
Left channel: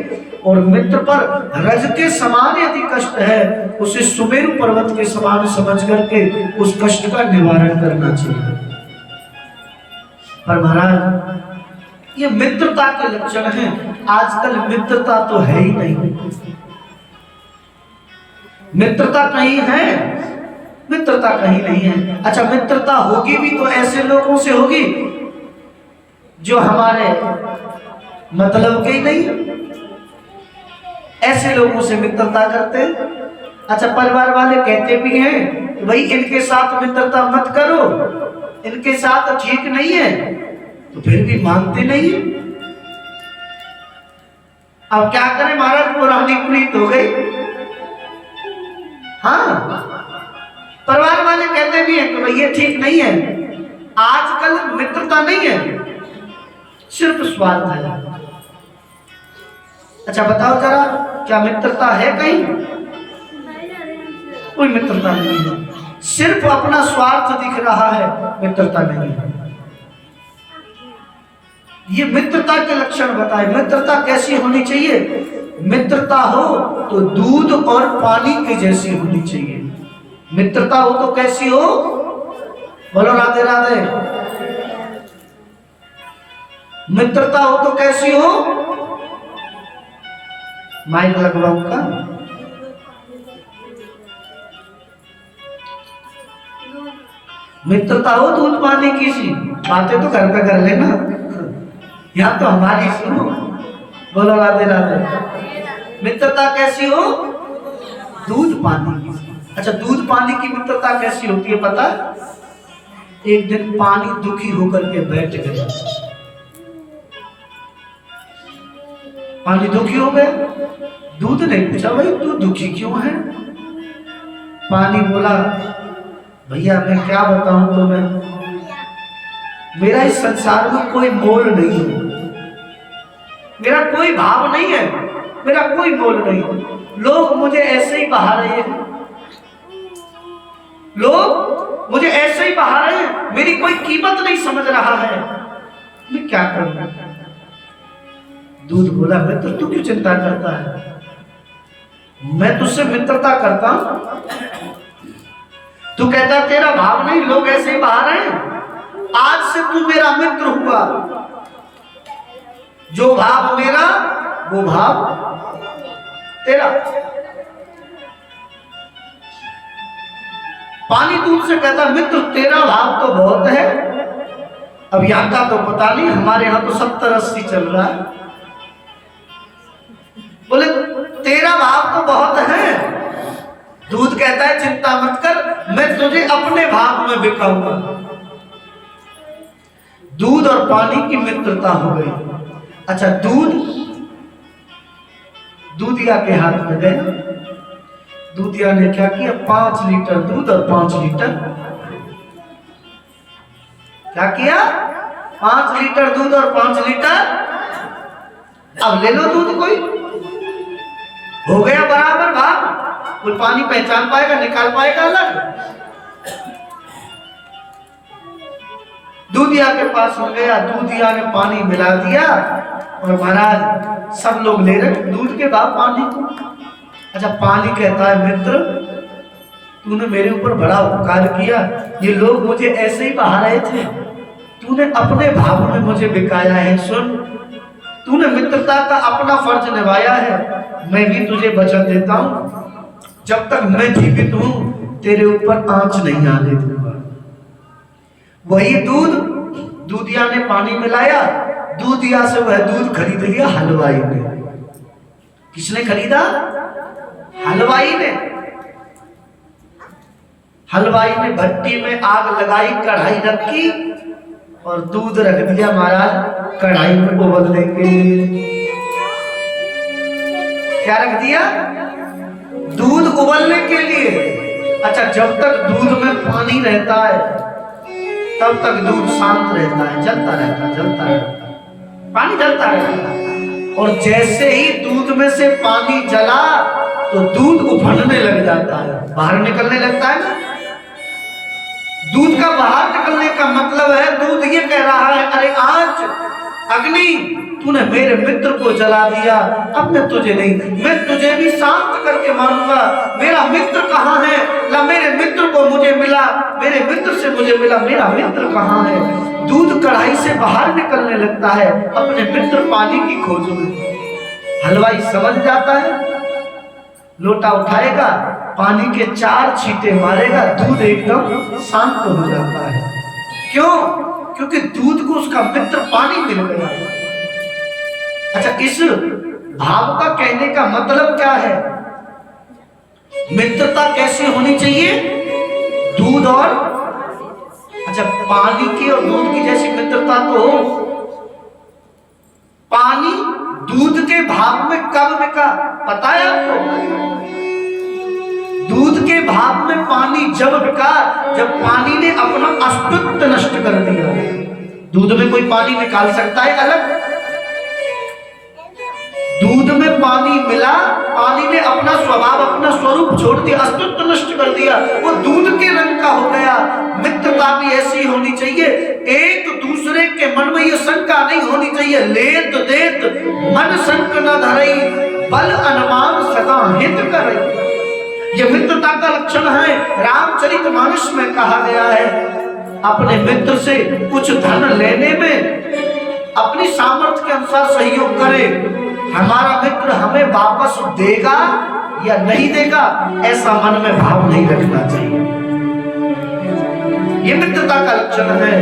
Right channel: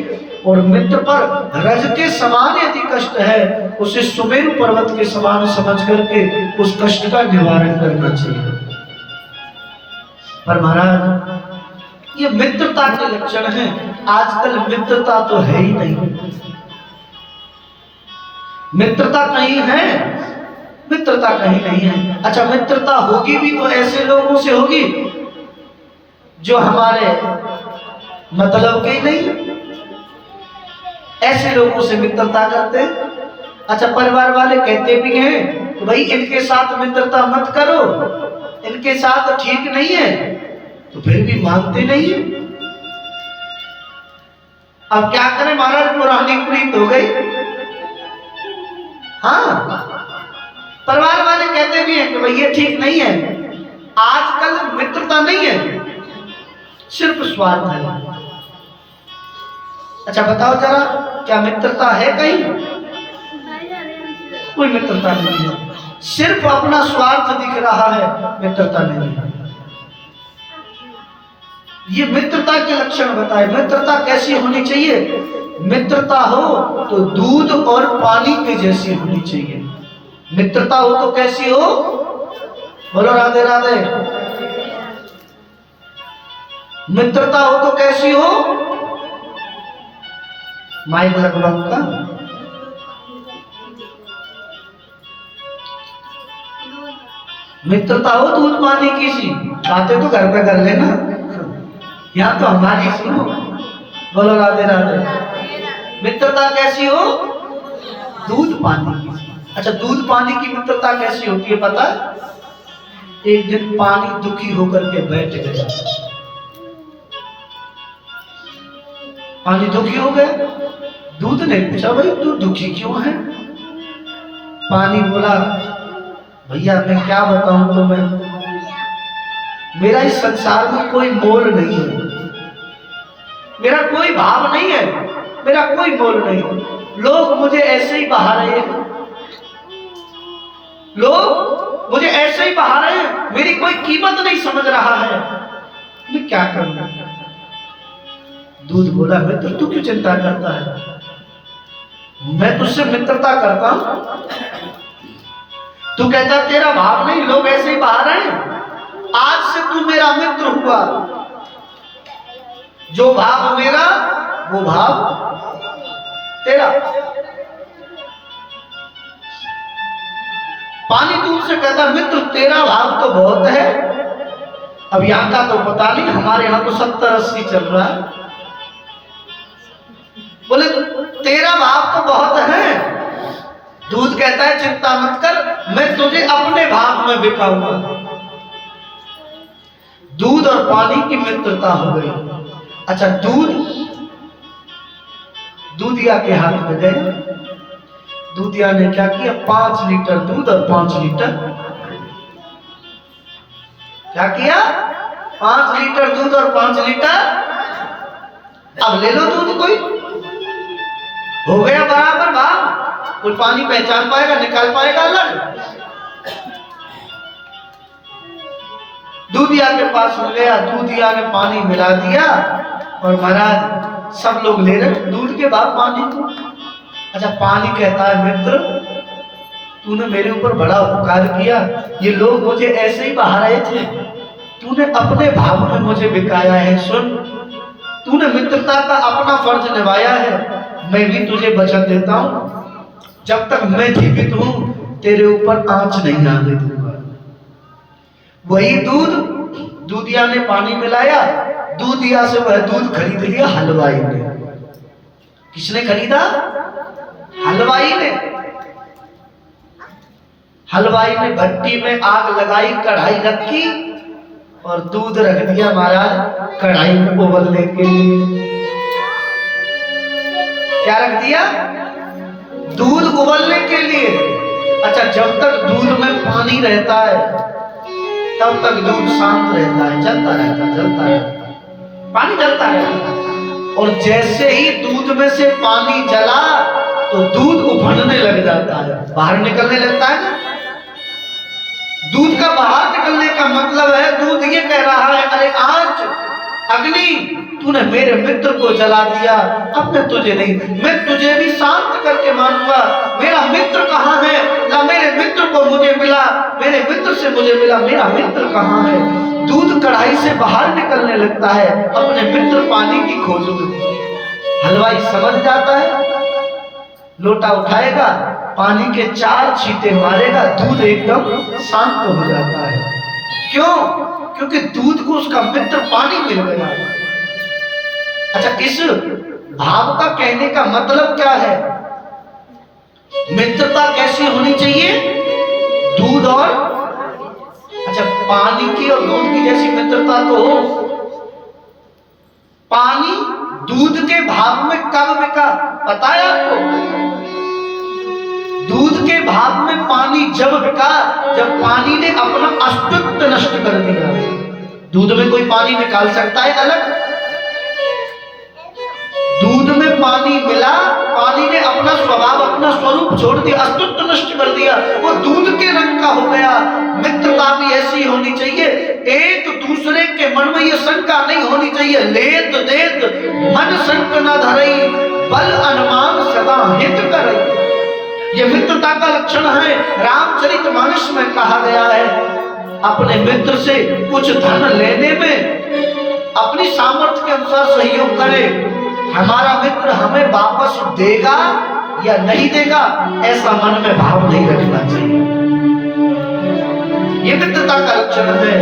और मित्र पर रज के समान यदि कष्ट है उसे सुमेरु पर्वत के समान समझ करके उस कष्ट का निवारण करना चाहिए। पर महाराज ये मित्रता के लक्षण हैं, आजकल मित्रता तो है ही नहीं, मित्रता कहीं है, मित्रता कहीं नहीं है। अच्छा मित्रता होगी भी तो ऐसे लोगों से होगी जो हमारे मतलब के ही नहीं, ऐसे लोगों से मित्रता करते हैं। अच्छा परिवार वाले कहते भी हैं तो भाई इनके साथ मित्रता मत करो, इनके साथ ठीक नहीं है, तो फिर भी मानते नहीं। अब क्या करें महाराज, पुरानी प्रीत हो गई। हाँ परिवार वाले कहते भी हैं कि भाई ये ठीक नहीं है। आजकल मित्रता नहीं है, सिर्फ स्वार्थ है। अच्छा बताओ जरा क्या मित्रता है कहीं? कोई मित्रता नहीं है, सिर्फ अपना स्वार्थ दिख रहा है, मित्रता नहीं है। ये मित्रता के लक्षण बताए। मित्रता कैसी होनी चाहिए? मित्रता हो तो दूध और पानी की जैसी होनी चाहिए। मित्रता हो तो कैसी हो? बोलो राधे राधे। मित्रता हो तो कैसी हो? माइक लगवाऊं का? मित्रता हो दूध पानी की सी बातें तो घर पे कर लेना, यहाँ तो हमारी सुनो। बोलो राधे राधे। मित्रता कैसी हो? दूध पानी की। अच्छा दूध पानी की मित्रता कैसी होती है पता? एक दिन पानी दुखी होकर के बैठ गया, पानी दुखी हो गया, दूध ने पूछा भाई तू दुखी क्यों है? पानी बोला भैया मैं क्या बताऊं तुम्हें, मेरा इस संसार में कोई मोल नहीं है, मेरा कोई भाव नहीं है, मेरा कोई मोल नहीं है। लोग मुझे ऐसे ही बहा रहे हैं, लोग मुझे ऐसे ही बहा रहे हैं, मेरी कोई कीमत नहीं समझ रहा है, मैं क्या करूं? दूध बोला मित्र तू क्यों चिंता करता है, मैं तुझसे मित्रता करता हूं, तू कहता तेरा भाव नहीं, लोग ऐसे ही बहा रहे हैं, आज से तू मेरा मित्र हुआ, जो भाव मेरा वो भाव तेरा। पानी दूध से कहता मित्र तेरा भाव तो बहुत है, अब यहाँ का तो पता नहीं, हमारे यहाँ तो 70-80 चल रहा है। बोले तेरा भाव तो बहुत है। दूध कहता है चिंता मत कर, मैं तुझे अपने भाव में बिकाऊंगा। दूध और पानी की मित्रता हो गई। अच्छा दूधिया के हाथ में गए, दूधिया ने क्या किया, 5 लीटर दूध और 5 लीटर क्या किया, 5 लीटर दूध और 5 लीटर, अब ले लो दूध, कोई हो गया बराबर भाव, कोई पानी पहचान पाएगा, निकाल पाएगा अलग। दूधिया के पास हो गया, दूधिया ने पानी मिला दिया और महाराज सब लोग ले रहे दूध के बाद पानी को। अच्छा पानी कहता है मित्र तूने मेरे ऊपर बड़ा उपकार किया, ये लोग मुझे ऐसे ही बहा रहे थे, तूने अपने भाव में मुझे बिकाया है। सुन तूने मित्रता का अपना फर्ज निभाया है, मैं भी तुझे वचन देता हूं जब तक मैं जीवित हूं तेरे ऊपर आंच नहीं आने दूंगा। वही दूधिया ने पानी मिलाया, दूधिया से वह दूध खरीद लिया हलवाई ने। किसने खरीदा? हलवाई ने। हलवाई ने भट्टी में आग लगाई, कढ़ाई रखी और दूध रख दिया महाराज कढ़ाई में उबलने के लिए। क्या रख दिया? दूध उबलने के लिए। अच्छा जब तक दूध में पानी रहता है तब तक दूध शांत रहता है, जलता रहता, पानी जलता रहता है। और जैसे ही दूध में से पानी जला तो दूध उफनने लग जाता है, बाहर निकलने लगता है ना। दूध का बाहर निकलने का मतलब है दूध ये कह रहा है अरे आज अग्नि तूने मेरे मित्र को जला दिया, अब मैं तुझे नहीं, मैं तुझे भी शांत करके मानूंगा। मेरा मित्र कहाँ है? ना मेरे मित्र को मुझे मिला, मेरे मित्र से मुझे मिला, मेरा मित्र कहाँ है? दूध कढ़ाई से बाहर निकलने लगता है अपने मित्र पानी की खोज में। हलवाई समझ जाता है, लोटा उठाएगा, पानी के 4 छींटे मारेगा, दूध एकदम शांत हो जाता है। क्यों? क्योंकि दूध को उसका मित्र पानी मिल गया। अच्छा इस भाव का कहने का मतलब क्या है? मित्रता कैसी होनी चाहिए? दूध और अच्छा पानी की और दूध की जैसी मित्रता तो हो। पानी दूध के भाव में कब बिका पता है आपको? दूध के भाव में पानी जब बिका जब पानी ने अपना अस्तित्व नष्ट कर दिया। दूध में कोई पानी निकाल सकता है अलग? दूध में पानी मिला, पानी ने अपना स्वभाव अपना स्वरूप छोड़ दिया, अस्तित्व नष्ट कर दिया, वो दूध के रंग का हो गया। मित्रता भी ऐसी होनी चाहिए, एक दूसरे के मन में ये शंका नहीं होनी चाहिए, लेत देत मन संक न धरई, बल अनुमान सदा हित करई। ये मित्रता का लक्षण है। रामचरितमानस में कहा गया है अपने मित्र से कुछ धन लेने में अपनी सामर्थ्य के अनुसार सहयोग करे। हमारा मित्र हमें वापस देगा या नहीं देगा ऐसा मन में भाव नहीं रखना चाहिए। ये मित्रता का लक्षण है।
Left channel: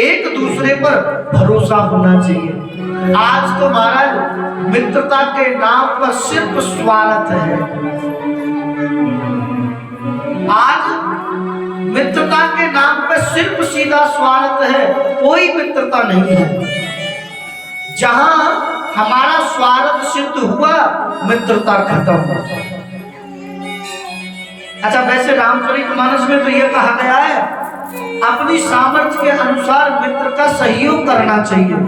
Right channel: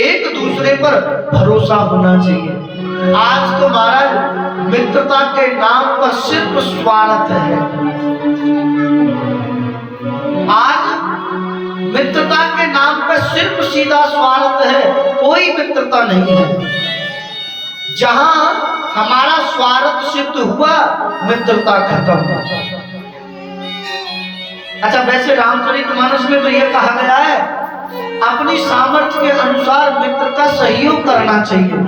एक दूसरे पर भरोसा होना चाहिए। आज तो महाराज मित्रता के नाम पर सिर्फ स्वार्थ है। आज मित्रता के नाम पर सिर्फ सीधा स्वार्थ है, कोई मित्रता नहीं है। जहां हमारा स्वार्थ सिद्ध हुआ मित्रता खत्म। अच्छा वैसे रामचरितमानस में तो यह कहा गया है अपनी सामर्थ्य के अनुसार मित्र का सहयोग करना चाहिए।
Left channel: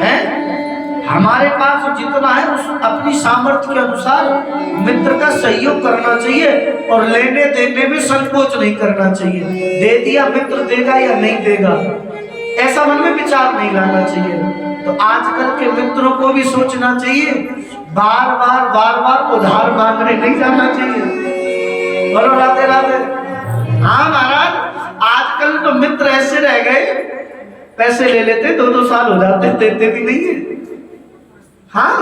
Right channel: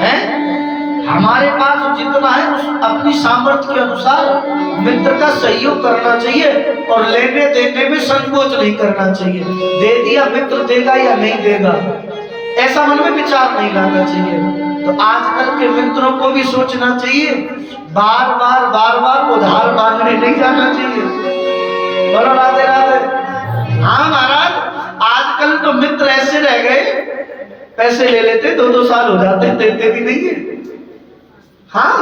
है? हमारे पास जितना है उस अपनी सामर्थ्य के अनुसार मित्र का सहयोग करना चाहिए और लेने देने में संकोच नहीं करना चाहिए। दे दिया मित्र देगा या नहीं देगा ऐसा मन में विचार नहीं लाना चाहिए। तो आजकल के मित्रों को भी सोचना चाहिए, बार बार उधार मांगने नहीं जाना चाहिए। बोलो राधे राधे। हाँ महाराज आजकल तो मित्र ऐसे रह गए, पैसे ले लेते 2-2 साल हो जाते देते भी नहीं है। हाँ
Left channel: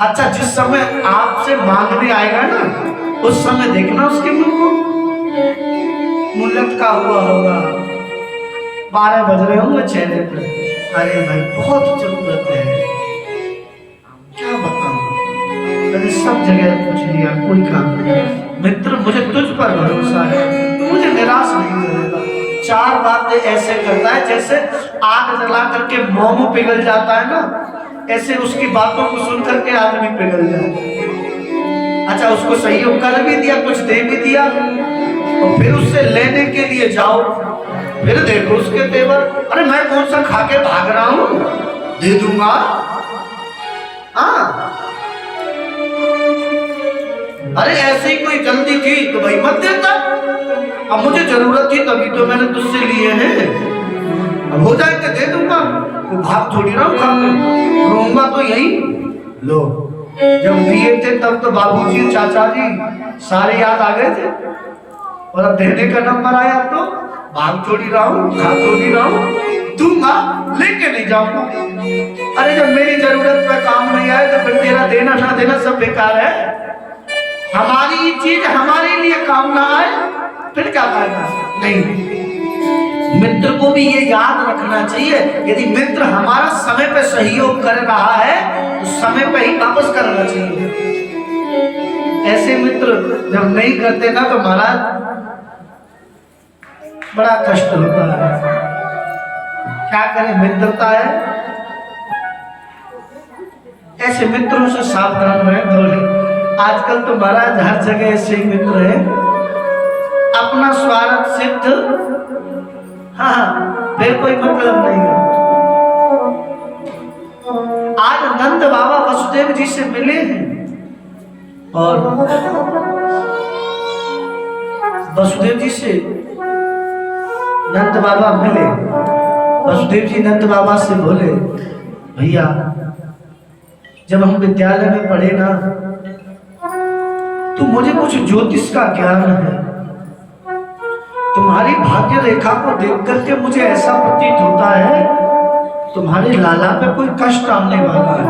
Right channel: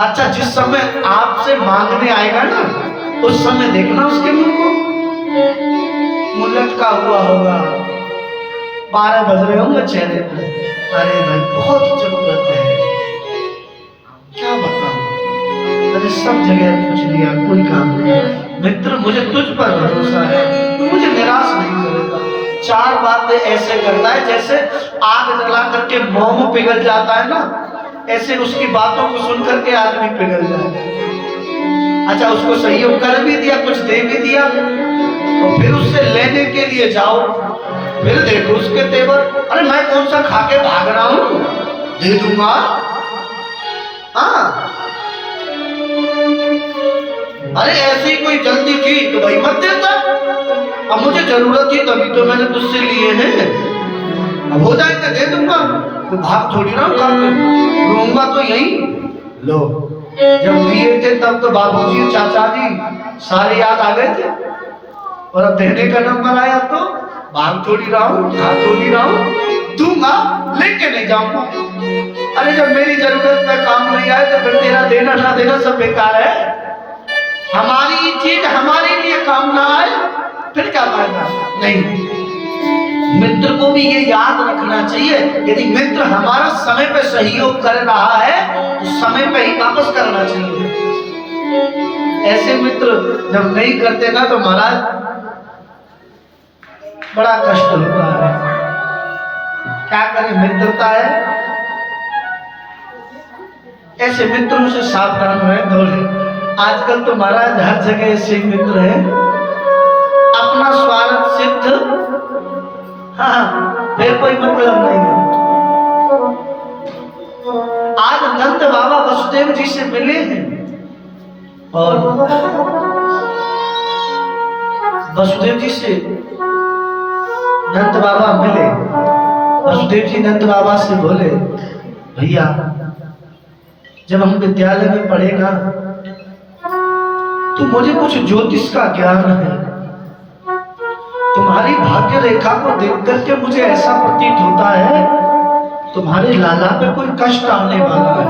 अच्छा जिस समय आपसे मांगने आएगा ना उस समय देखना उसके मुंह को, मुंह लटका हुआ होगा, 12 बज रहे होंगे चेहरे पे, अरे भाई बहुत जरूरत है, क्या बताऊं, मैंने सब जगह पूछ लिया कोई काम नहीं। मित्र मुझे तुझ पर भरोसा है, तू मुझे निराश नहीं करेगा। 4 बातें ऐसे करता है जैसे आग जला करके मोम पिघल जाता है ना, ऐसे उसकी बातों को सुन करके आदमी पिघल जाए। अच्छा उसको सहयोग कर भी दिया, कुछ दे भी दिया, और फिर उससे लेने के लिए जाओ, फिर देखो उसके तेवर, अरे मैं कौन सा खा के भाग रहा हूं, दे दूंगा। हाँ अरे ऐसी कोई जल्दी थी तो भाई मत देता, अब मुझे जरूरत थी तभी तो मैंने तुझसे लिए हैं, अब हो जाए तो दे दूंगा। तो भाग थोड़ी ना रोऊंगा तो यही लो। जब दिए थे तब तो बाबूजी चाचा जी सारे याद आ गए थे, और अब देने का नंबर आया तो भाग थोड़ी रहा हूँ, खा थोड़ी रहा हूँ, दूंगा लेके नहीं जाऊंगा। अरे जब मेरी जरूरत पे काम नहीं आए तो फिर तेरा देना ना देना सब बेकार है। हमारी चीज हमारे लिए काम ना आए फिर क्या फायदा। नहीं, मित्र को भी ये याद रखना चाहिए, यदि मित्र हमारा समय पे सहयोग कर रहा है तो समय पे ही वापस करना चाहिए। ऐसे मित्र जब नहीं करते ना तो महाराज बड़ा कष्ट होता है। क्या करें, मित्रता है, ऐसे मित्रों से सावधान रहें थोड़े। आजकल तो महाराज हर जगह ऐसे मित्र हैं, अपना स्वार्थ सिद्ध, हाँ फिर कोई मतलब नहीं है। आज नंद बाबा वसुदेव जी से मिले हैं और वसुदेव जी से नंद बाबा मिले। वसुदेव जी नंद बाबा से बोले, भैया जब हम विद्यालय में पढ़े ना तो मुझे कुछ ज्योतिष का ज्ञान है। तुम्हारी भाग्य रेखा को देख करके मुझे ऐसा प्रतीत होता है तुम्हारे लाला पे कोई कष्ट आने वाला है।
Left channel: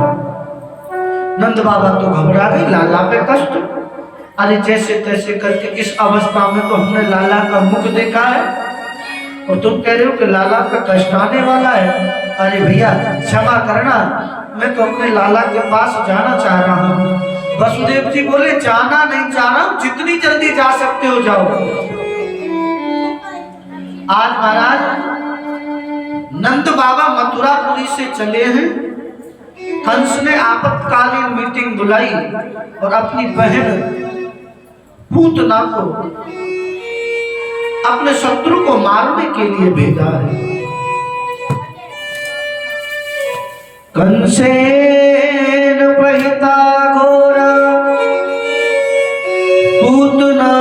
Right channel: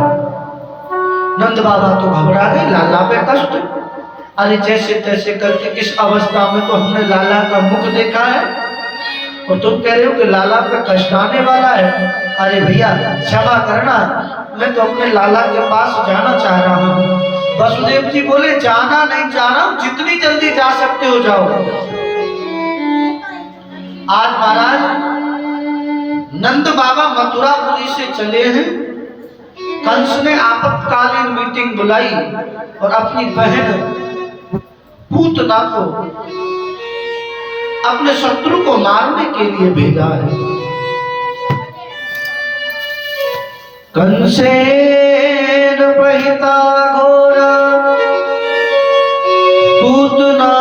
नंद बाबा तो घबरा गए, लाला पे कष्ट? अरे जैसे तैसे करके इस अवस्था में तो हमने लाला का मुख देखा है और तुम कह रहे हो कि लाला पे कष्ट आने वाला है। अरे भैया क्षमा करना, मैं तो अपने लाला के पास जाना चाह रहा हूँ। वसुदेव जी बोले, जाना नहीं जाना, जितनी जल्दी जा सकते हो जाओ। आज महाराज नंद बाबा मथुरापुरी से चले हैं। कंस ने आपातकालीन मीटिंग बुलाई और अपनी बहन पूतना को अपने शत्रु को मारने के लिए भेजा है। कंसेन प्रहिता घोरा पूतना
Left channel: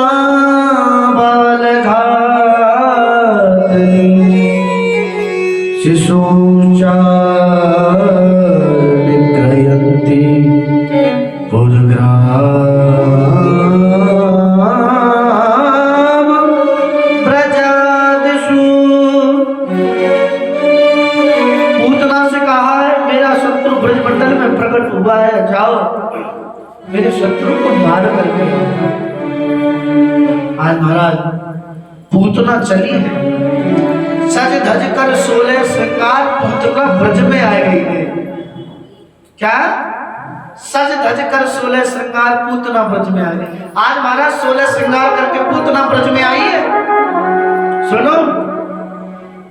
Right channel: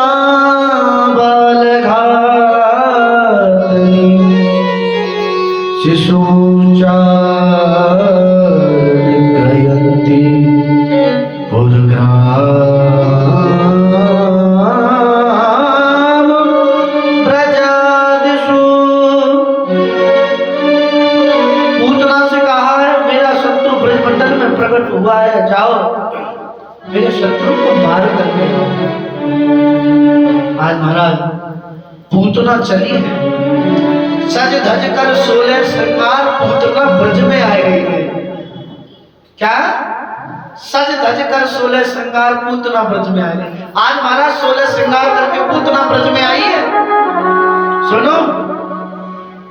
बालघातनी शिशुचारिक्रयन्ति पुरग्राम ब्रजादिषु। पूतना से कहा है, मेरा शत्रु ब्रजमंडल में प्रकट हुआ है, जाओ मेरे शत्रु को मार करके। आज महाराज पूतना चली है, सज धज कर 16 श्रृंगार पूतना ब्रज में आ गई है। क्या? सज धज कर 16 श्रृंगार पूतना ब्रज में आ गई। आज महाराज 16 श्रृंगार करके पूतना ब्रज में आई है। सुनो,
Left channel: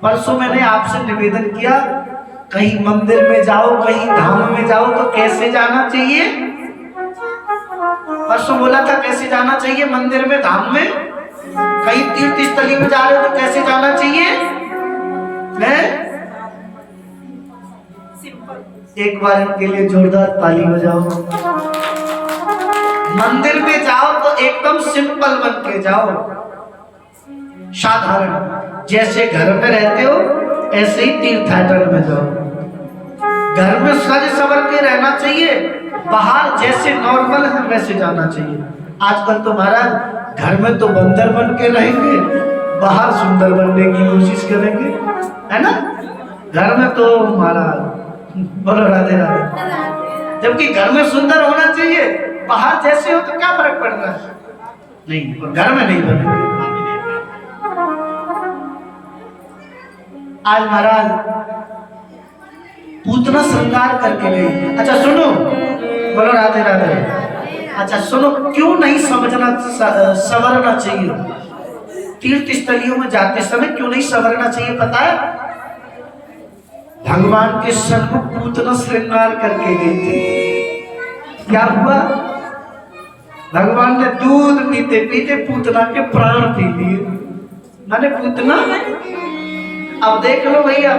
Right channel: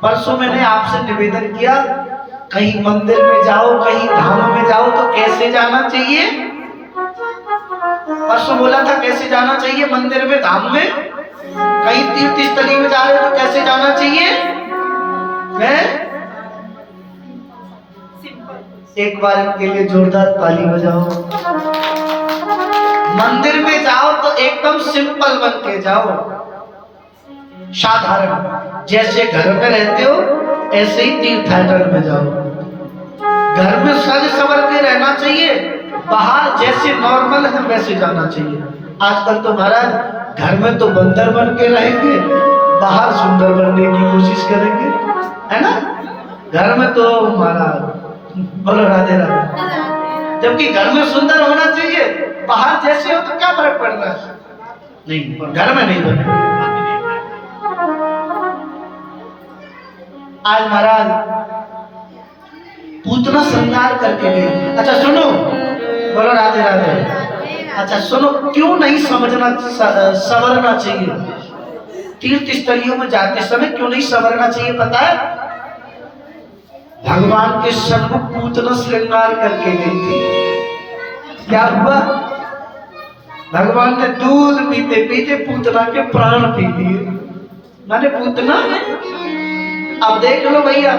परसों मैंने आपसे निवेदन किया, कहीं मंदिर में जाओ, कहीं धाम में जाओ तो कैसे जाना चाहिए? परसों बोला था कैसे जाना चाहिए मंदिर में, धाम में, कहीं तीर्थ स्थली में जा रहे हो तो कैसे जाना चाहिए? एक बार इनके लिए जोरदार ताली बजाओ। मंदिर में जाओ तो एकदम सिंपल बन के जाओ, साधारण, जैसे घर में रहते हो ऐसे ही तीर्थयात्रा में जाओ। घर में सज संवर के रहना चाहिए, बाहर जैसे नॉर्मल है वैसे जाना चाहिए। आजकल तो महाराज घर में तो बंदर बन के रहेंगे, बाहर सुंदर बनने की कोशिश करेंगे, है ना? घर में तो महाराज बोलो राधे राधे, जबकि घर में सुंदर होना चाहिए, बाहर जैसे हो तो क्या फर्क पड़ रहा है? नहीं, घर में नहीं बने। आज महाराज पूतना श्रृंगार करके गए। अच्छा सुनो, बोलो राधे राधे। अच्छा सुनो, क्यों नहीं समझना संवरना चाहिए? तीर्थ स्थलियों में जाते समय क्यों नहीं संवरना चाहिए पता है? भगवान के सन्मुख पूतना श्रृंगार करके गई थी। क्या हुआ? भगवान ने दूध पीते पीते पूतना के प्राण पी लिए। मैंने पूतना, अब देख लो भैया,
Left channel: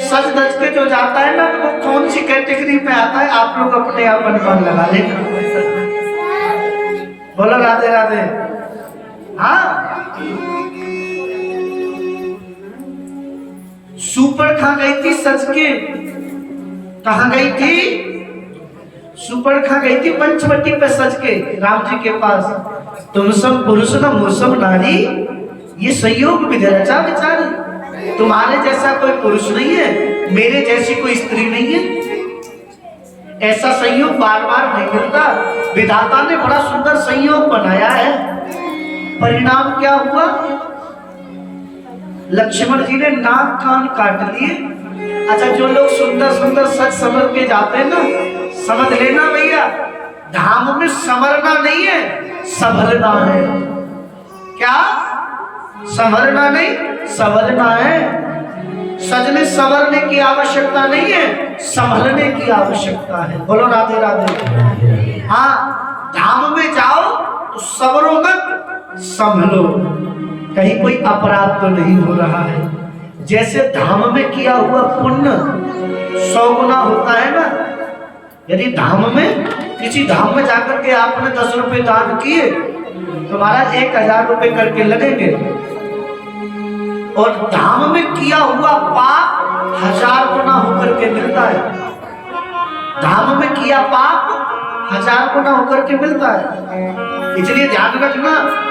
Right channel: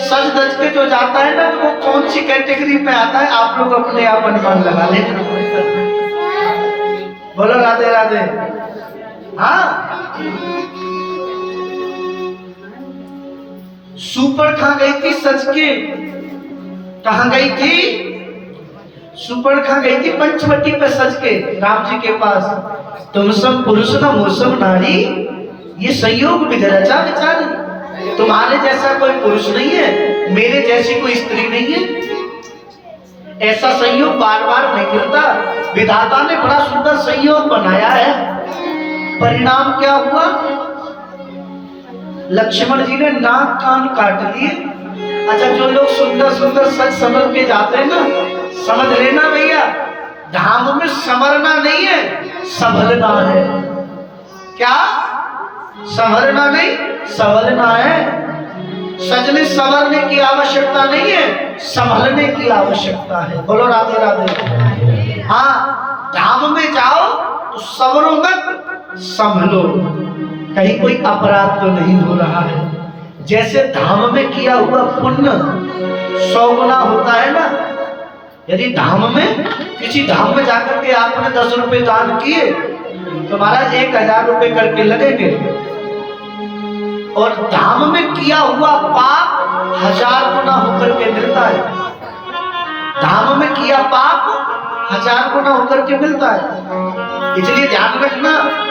सच धज के जो जाता है ना तो वो कौन सी कैटेगरी में आता है, आप लोग अपने आप अनुमान लगा लेना। बोलो राधे राधे। हाँ, सुपर कहाँ गई थी सच के? कहाँ गई थी? सुपर कहाँ गई थी? पंचवटी पे सच के राम जी के पास। तुम सब पुरुष न मौसम नारी, ये संयोग विधरचा बेचारी। तुम्हारे जैसा कोई पुरुष नहीं है, मेरे जैसी कोई स्त्री नहीं है। ऐसा संयोग बार बार नहीं मिलता। विधाता ने बड़ा सुंदर संयोग बनाया है। परिणाम क्या हुआ? लक्ष्मण जी ने नाक कान काट लिए। अच्छा, जो लोग सुंदर सुंदर सच समझ के जाते हैं ना, समझ लेना भैया, धाम में संवरना नहीं है, संभलना है। क्या? संवरना नहीं, संभलना है। सजने संवरने की आवश्यकता नहीं है, संभलने की आवश्यकता है। बोलो राधे राधे। हाँ, धाम में जाओ तो संवरो मत, संभलो। कहीं कोई अपराध तो नहीं हो रहा है। जैसे धाम में किया हुआ पुण्य 100 गुना होता है ना। यदि धाम में, किसी धाम में जाकर के आपने 10 रुपए दान किए तो महाराज 1000 रुपए करके लगेंगे। और धाम में किया हुआ पाप 1000 गुना होकर के मिलता है। धाम में किया पाप 1000 गुना होकर के मिलता है। इसलिए ध्यान रखना,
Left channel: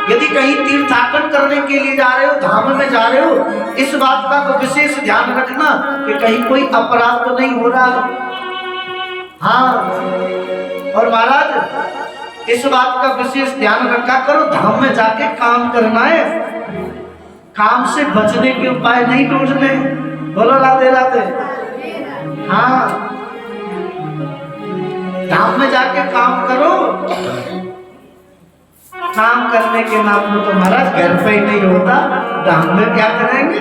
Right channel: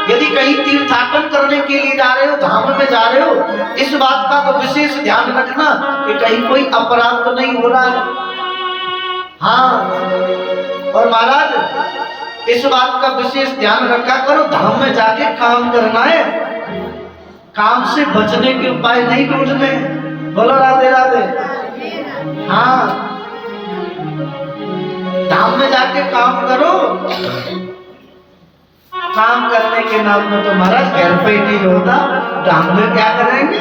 यदि कहीं तीर्थाटन करने के लिए जा रहे हो, धाम में जा रहे हो, इस बात का तो विशेष ध्यान रखना कि कहीं कोई अपराध तो नहीं हो रहा है। हाँ, और महाराज इस बात का विशेष ध्यान रखा करो, धाम में जाके काम करना है, काम से बचने के उपाय नहीं ढूंढने। बोलो राधे राधे। हाँ, धाम में जाके काम करो। काम करने के नाम में तो महाराज घर पे ही नहीं होता, धाम में क्या करेंगे?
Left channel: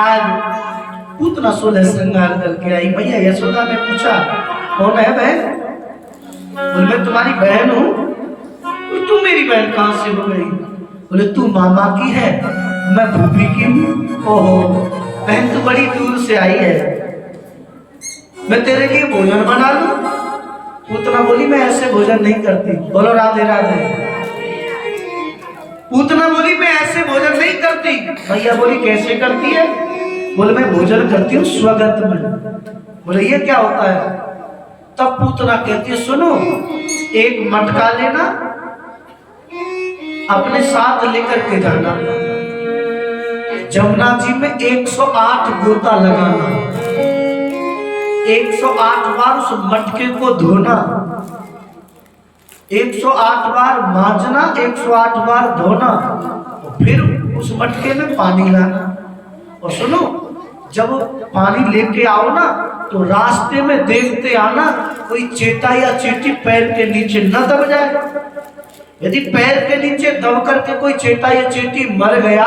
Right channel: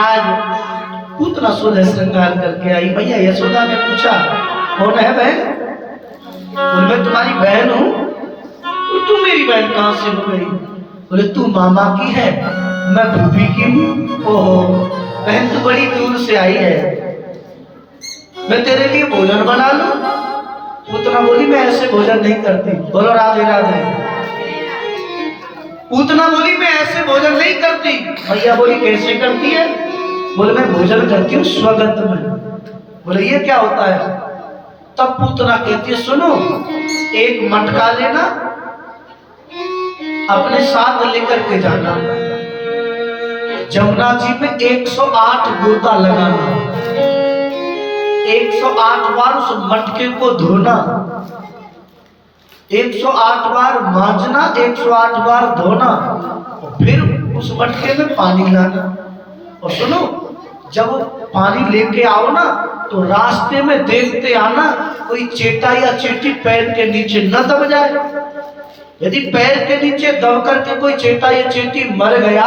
आज पूतना 16 श्रृंगार करके आई। भैया यशोदा ने पूछा, कौन है बहन? बोले मैं तुम्हारी बहन हूँ। तू मेरी बहन कहाँ से हो गई? बोले तू मामा की है, मैं भूपी की हूँ। ओहो बहन, तू बड़ी दूर से आई है, मैं तेरे लिए भोजन बना लूं? पूतना बोली मैं ऐसे भोजन नहीं करती। बोलो राधे राधे। पूतना बोली मैं ऐसे भोजन नहीं करती। भैया बोली कैसे करती है? बोले मैं भोजन करती हूँ स्वगत में। बोले ये क्या होता है? तब पूतना कहती है सुनो, एक मटका लेना, अपने साथ लेकर के जाना, जमुना जी में 108 गोता लगाना, 108 बार उस मटके को धोना, 108 बार मांजना, 108 बार धोना, और फिर उस मटके में पानी लाना। और सुनो, जब पानी लेके आओ ना तो रास्ते में देखते आना कोई चेटा या चींटी पैर के नीचे न दब जाए। यदि पैर के नीचे दब करके कोई चेटा या चींटी मर गया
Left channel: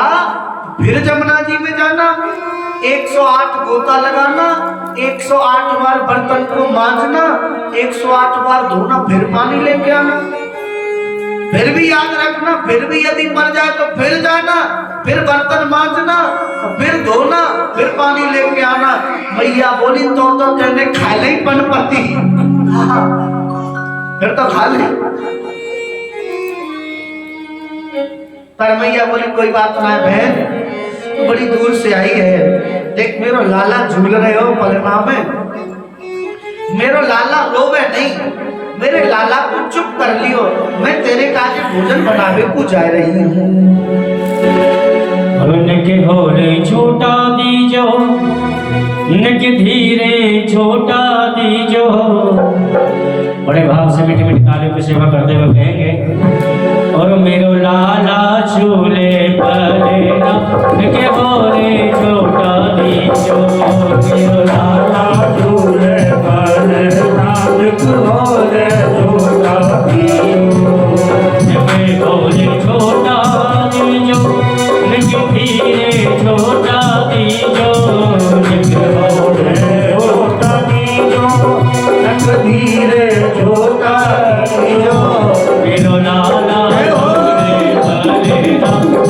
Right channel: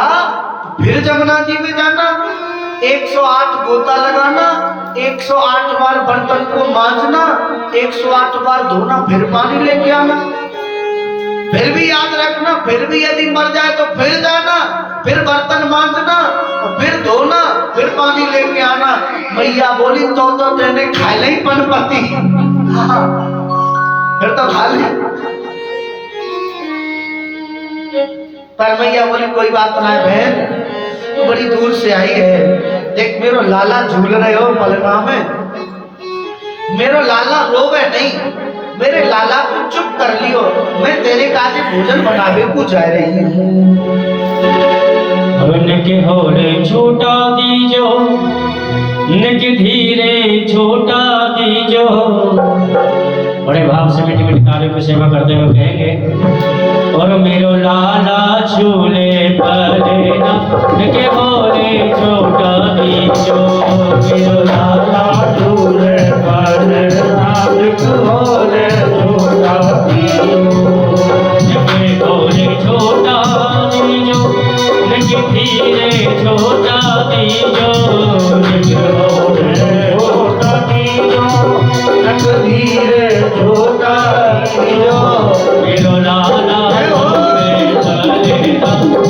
तो फिर जमुना जी में जाना, 108 गोता लगाना, 108 बार बर्तन को मांजना, 108 बार धोना, फिर पानी लेके आना। फिर भी याद रखना, फिर भी यदि मर जाए तो फिर जाना, फिर बर्तन मांजना और फिर धोना, फिर पानी लेके आना। मैया बोली तो तेने खाए नहीं पनपति। फिर तो खा ले। पर मैया बोली कोई बात ना है बहन, तो बड़ी दूर से आई है, देख मेरो लाला झूल रहे हो पलना में, मेरो लाला रोवे नहीं, मेरे लाला को चुप कर लियो, मैं तेरे काजे भोजन बनावे को जा रही हूँ। के होले छोटा दीजो, नके धीरे छोटा दीजो। बड़े भाव से मीठे मीठे कार्यों की सेवा करते हुए कहेंगे, और मेरो लाला झूले पलेना, नके होले छोटा दीजो, मेरो लाला झूले पलेना, नके होले छोटा दीजो, नके होले छोटा दीजो, नके धीरे छोटा दीजो, नके होले छोटा दीजो, नके धीरे छोटा दीजो, मेरो लाला झूले पलेना।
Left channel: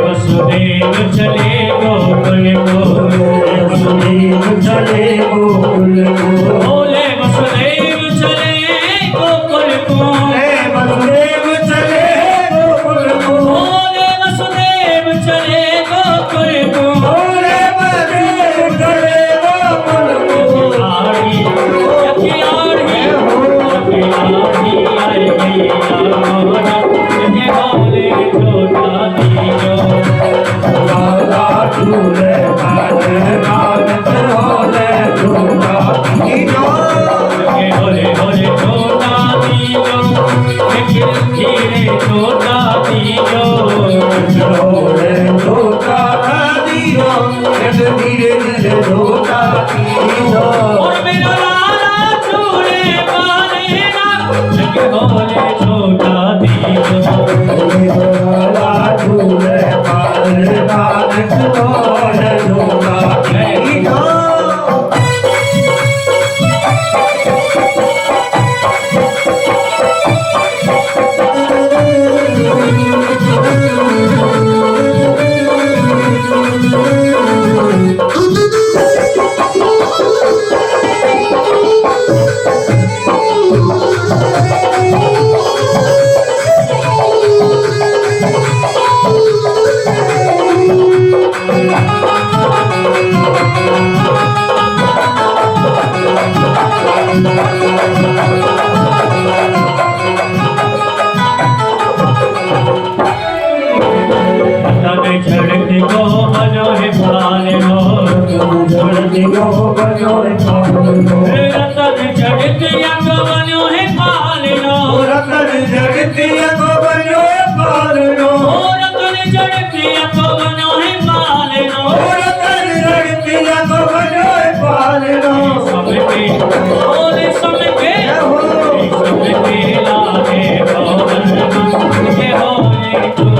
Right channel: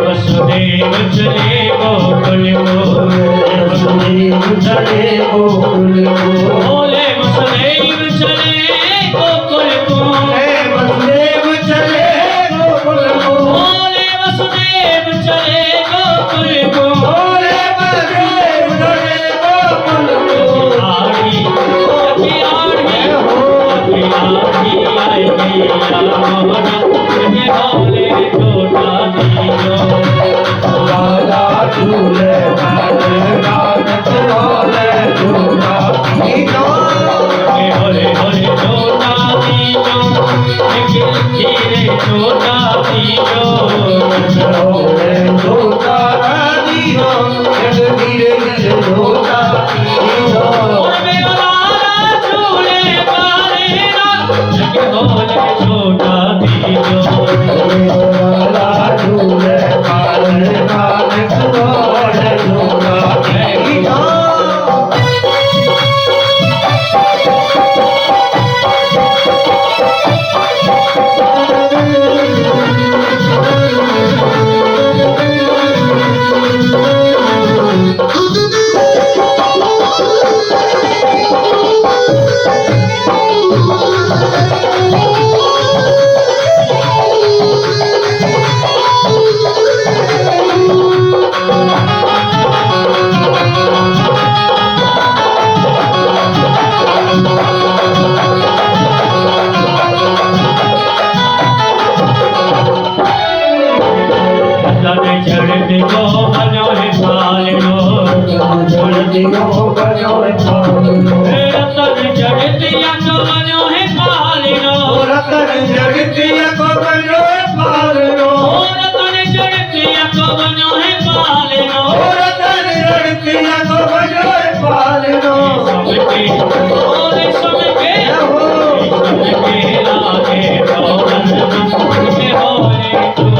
वसुदेव चले गोकुल को, वसुदेव चले गोकुल को, बोले वसुदेव चले गोकुल को, वसुदेव चले गोकुल को, बोले वसुदेव चले गोकुल को, बोले वसुदेव चले गोकुल को। आड़ी अभी आड़ी अभी आड़ी आई गई मोहना, ये बोले छोटा दीनो, लाला झूले मारे नानक रोले झूला दीनो। होरे होरे छोटा दीनो, खिल खिले छोटा दीनो, रोले झूला दीनो, जगदीरे मेरे झूला दीनो। और मेरा लाला झूले पालेगा, जग बोले छोटा दीनो, लाला झूले मारे नानक रोले झूला दीनो। तब झड़ते को बनो है पालो, जल्दी हो बनो पालो, तब झड़तिया को बनो है पालो, रतन जगतिया को बनो पालो, रतन झड़तिया को बनो है पालो, रतन जगतिया को बनो पालो। सबके बोले सबके लागे भवन, ये बोले छोटा दीनो,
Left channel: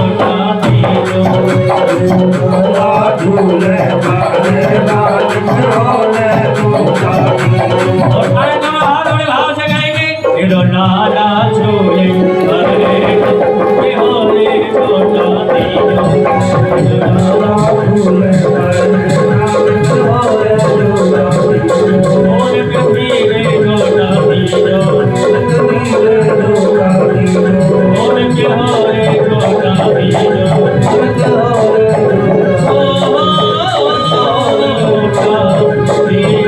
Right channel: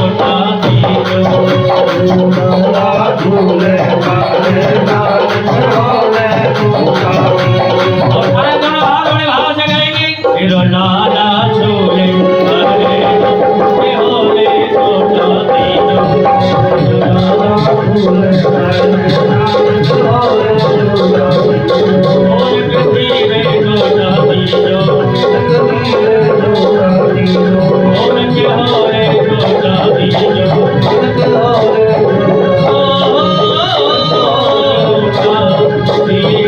लाला झूले मारे नानक रोले झूला दीनो। और सारे दोनों हाथ बड़े भाव से गाएंगे, इधर लाला झूले अरे ये बोले छोटा दीनो, लाला झूले मारे नानक रोले झूला दीनो। बोले पृथ्वी में छोटा दीनो, जगदीरे झूला दीनो, बोले के होरे छोटा दीनो, जगदीरे ओ छोटा दीनो।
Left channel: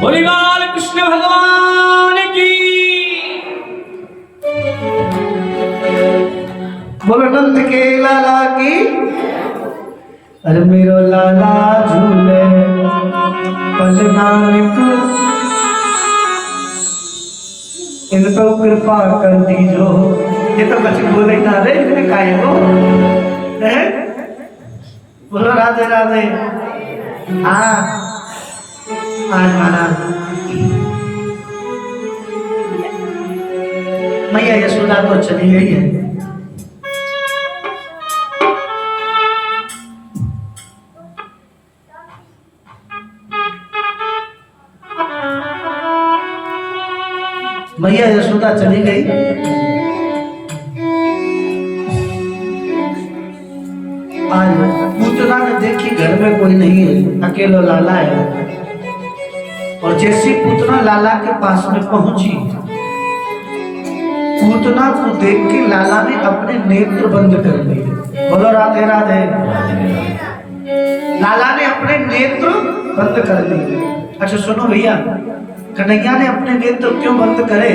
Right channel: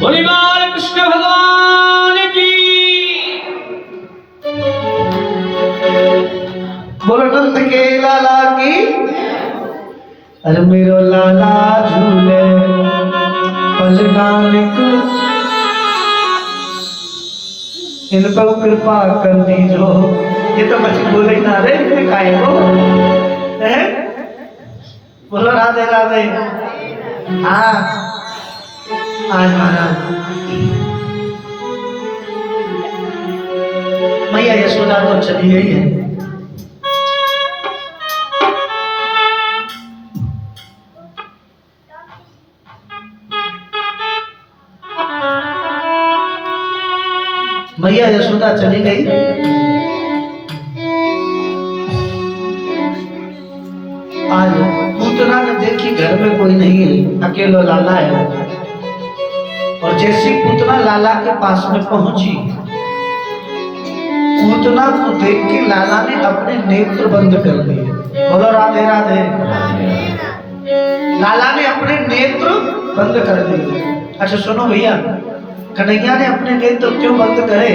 बोली बाल कृष्ण भगवान की। बोलो नंद के लाला की। अरे मेरो लाला झूले पल नानक, इनको कृपा कर दीजो। ये तो बच्चे बोले ना रे काहे हो, हैं? बोलो राधे राधे। हाँ आज महाराज मैया यशोदा तो चली गई है। मैया यशोदा चली गई। आज पूतना ने देखी घर में कोई नहीं है, अकेला लाला है। और जैसी पूतना लाला के पास में पहुंची, पूतना को देख के लाला ने अपने नेत्र बंद कर लिए। बोलो राधे राधे। लाला ने अपने नेत्र बंद कर लिए। अच्छा सुनो भैया, कन्हैया ने अपने नेत्र क्यों बंद करे?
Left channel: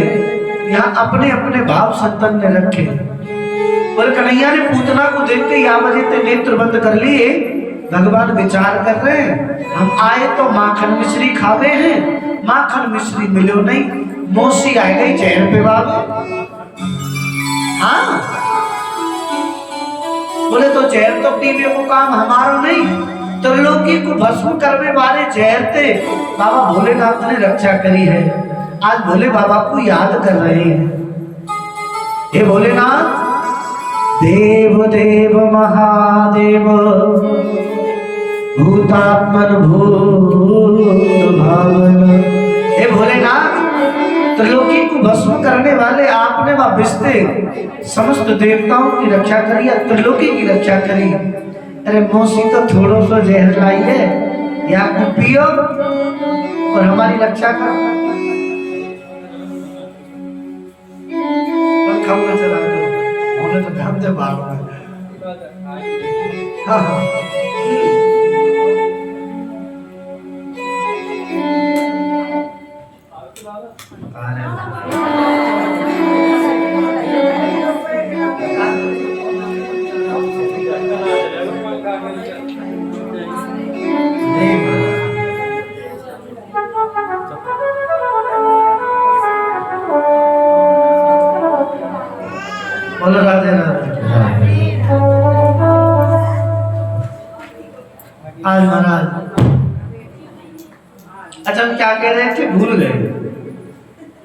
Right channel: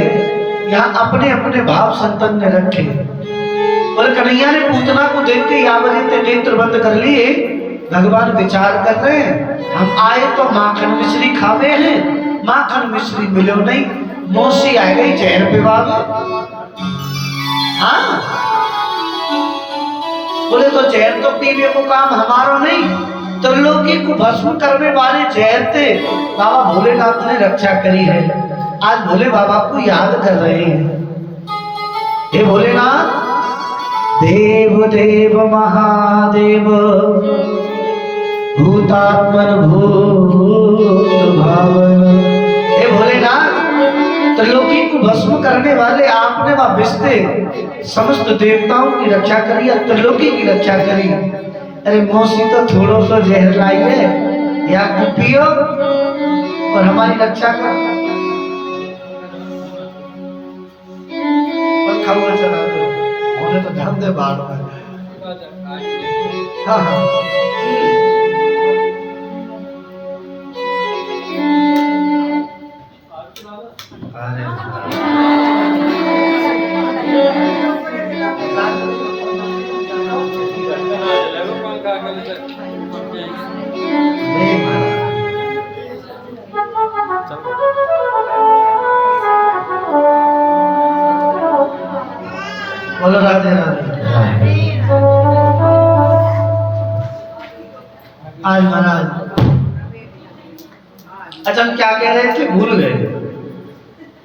यहाँ अपने अपने भाव संतन ने रखे। पर कन्हैया ने पूतना को देख के या वजह ते नेत्र बंद कर लिए। भगवान विचार कर रहे हैं, हम आए तो माखन मिश्री खावे हैं, माखन मिश्री मिलो नहीं, मौसी आ गई जहर पे बाबा। हाँ बोले तो जहर तो पीने को काम हमारो नहीं, त्रिलोकी को भस्म करने वाले जहर थे बाबा भोलेनाथ ने रक्षा करी है। आज भोले बाबा को याद कर रहे हैं। हे भोलेनाथ, देव देव महादेव, भूतात्मन भूत भावन। हे भोलेनाथ, त्रिलोकी को भस्म करने वाले आपने वह बिस्ते समस्त देवताओं की रक्षा करी या त्रिलोकी की रक्षा करी। अरे मौसी तो थोड़ो सो जहर लाई है, या पियो और हमारी रक्षा करो। पंखा हुआ चला दो, हमने तो ढंग दे बाल। हाँ हाँ बोलो राधे राधे। आज महाराज, अच्छा हम क्या कह रहे थे, भूल गए।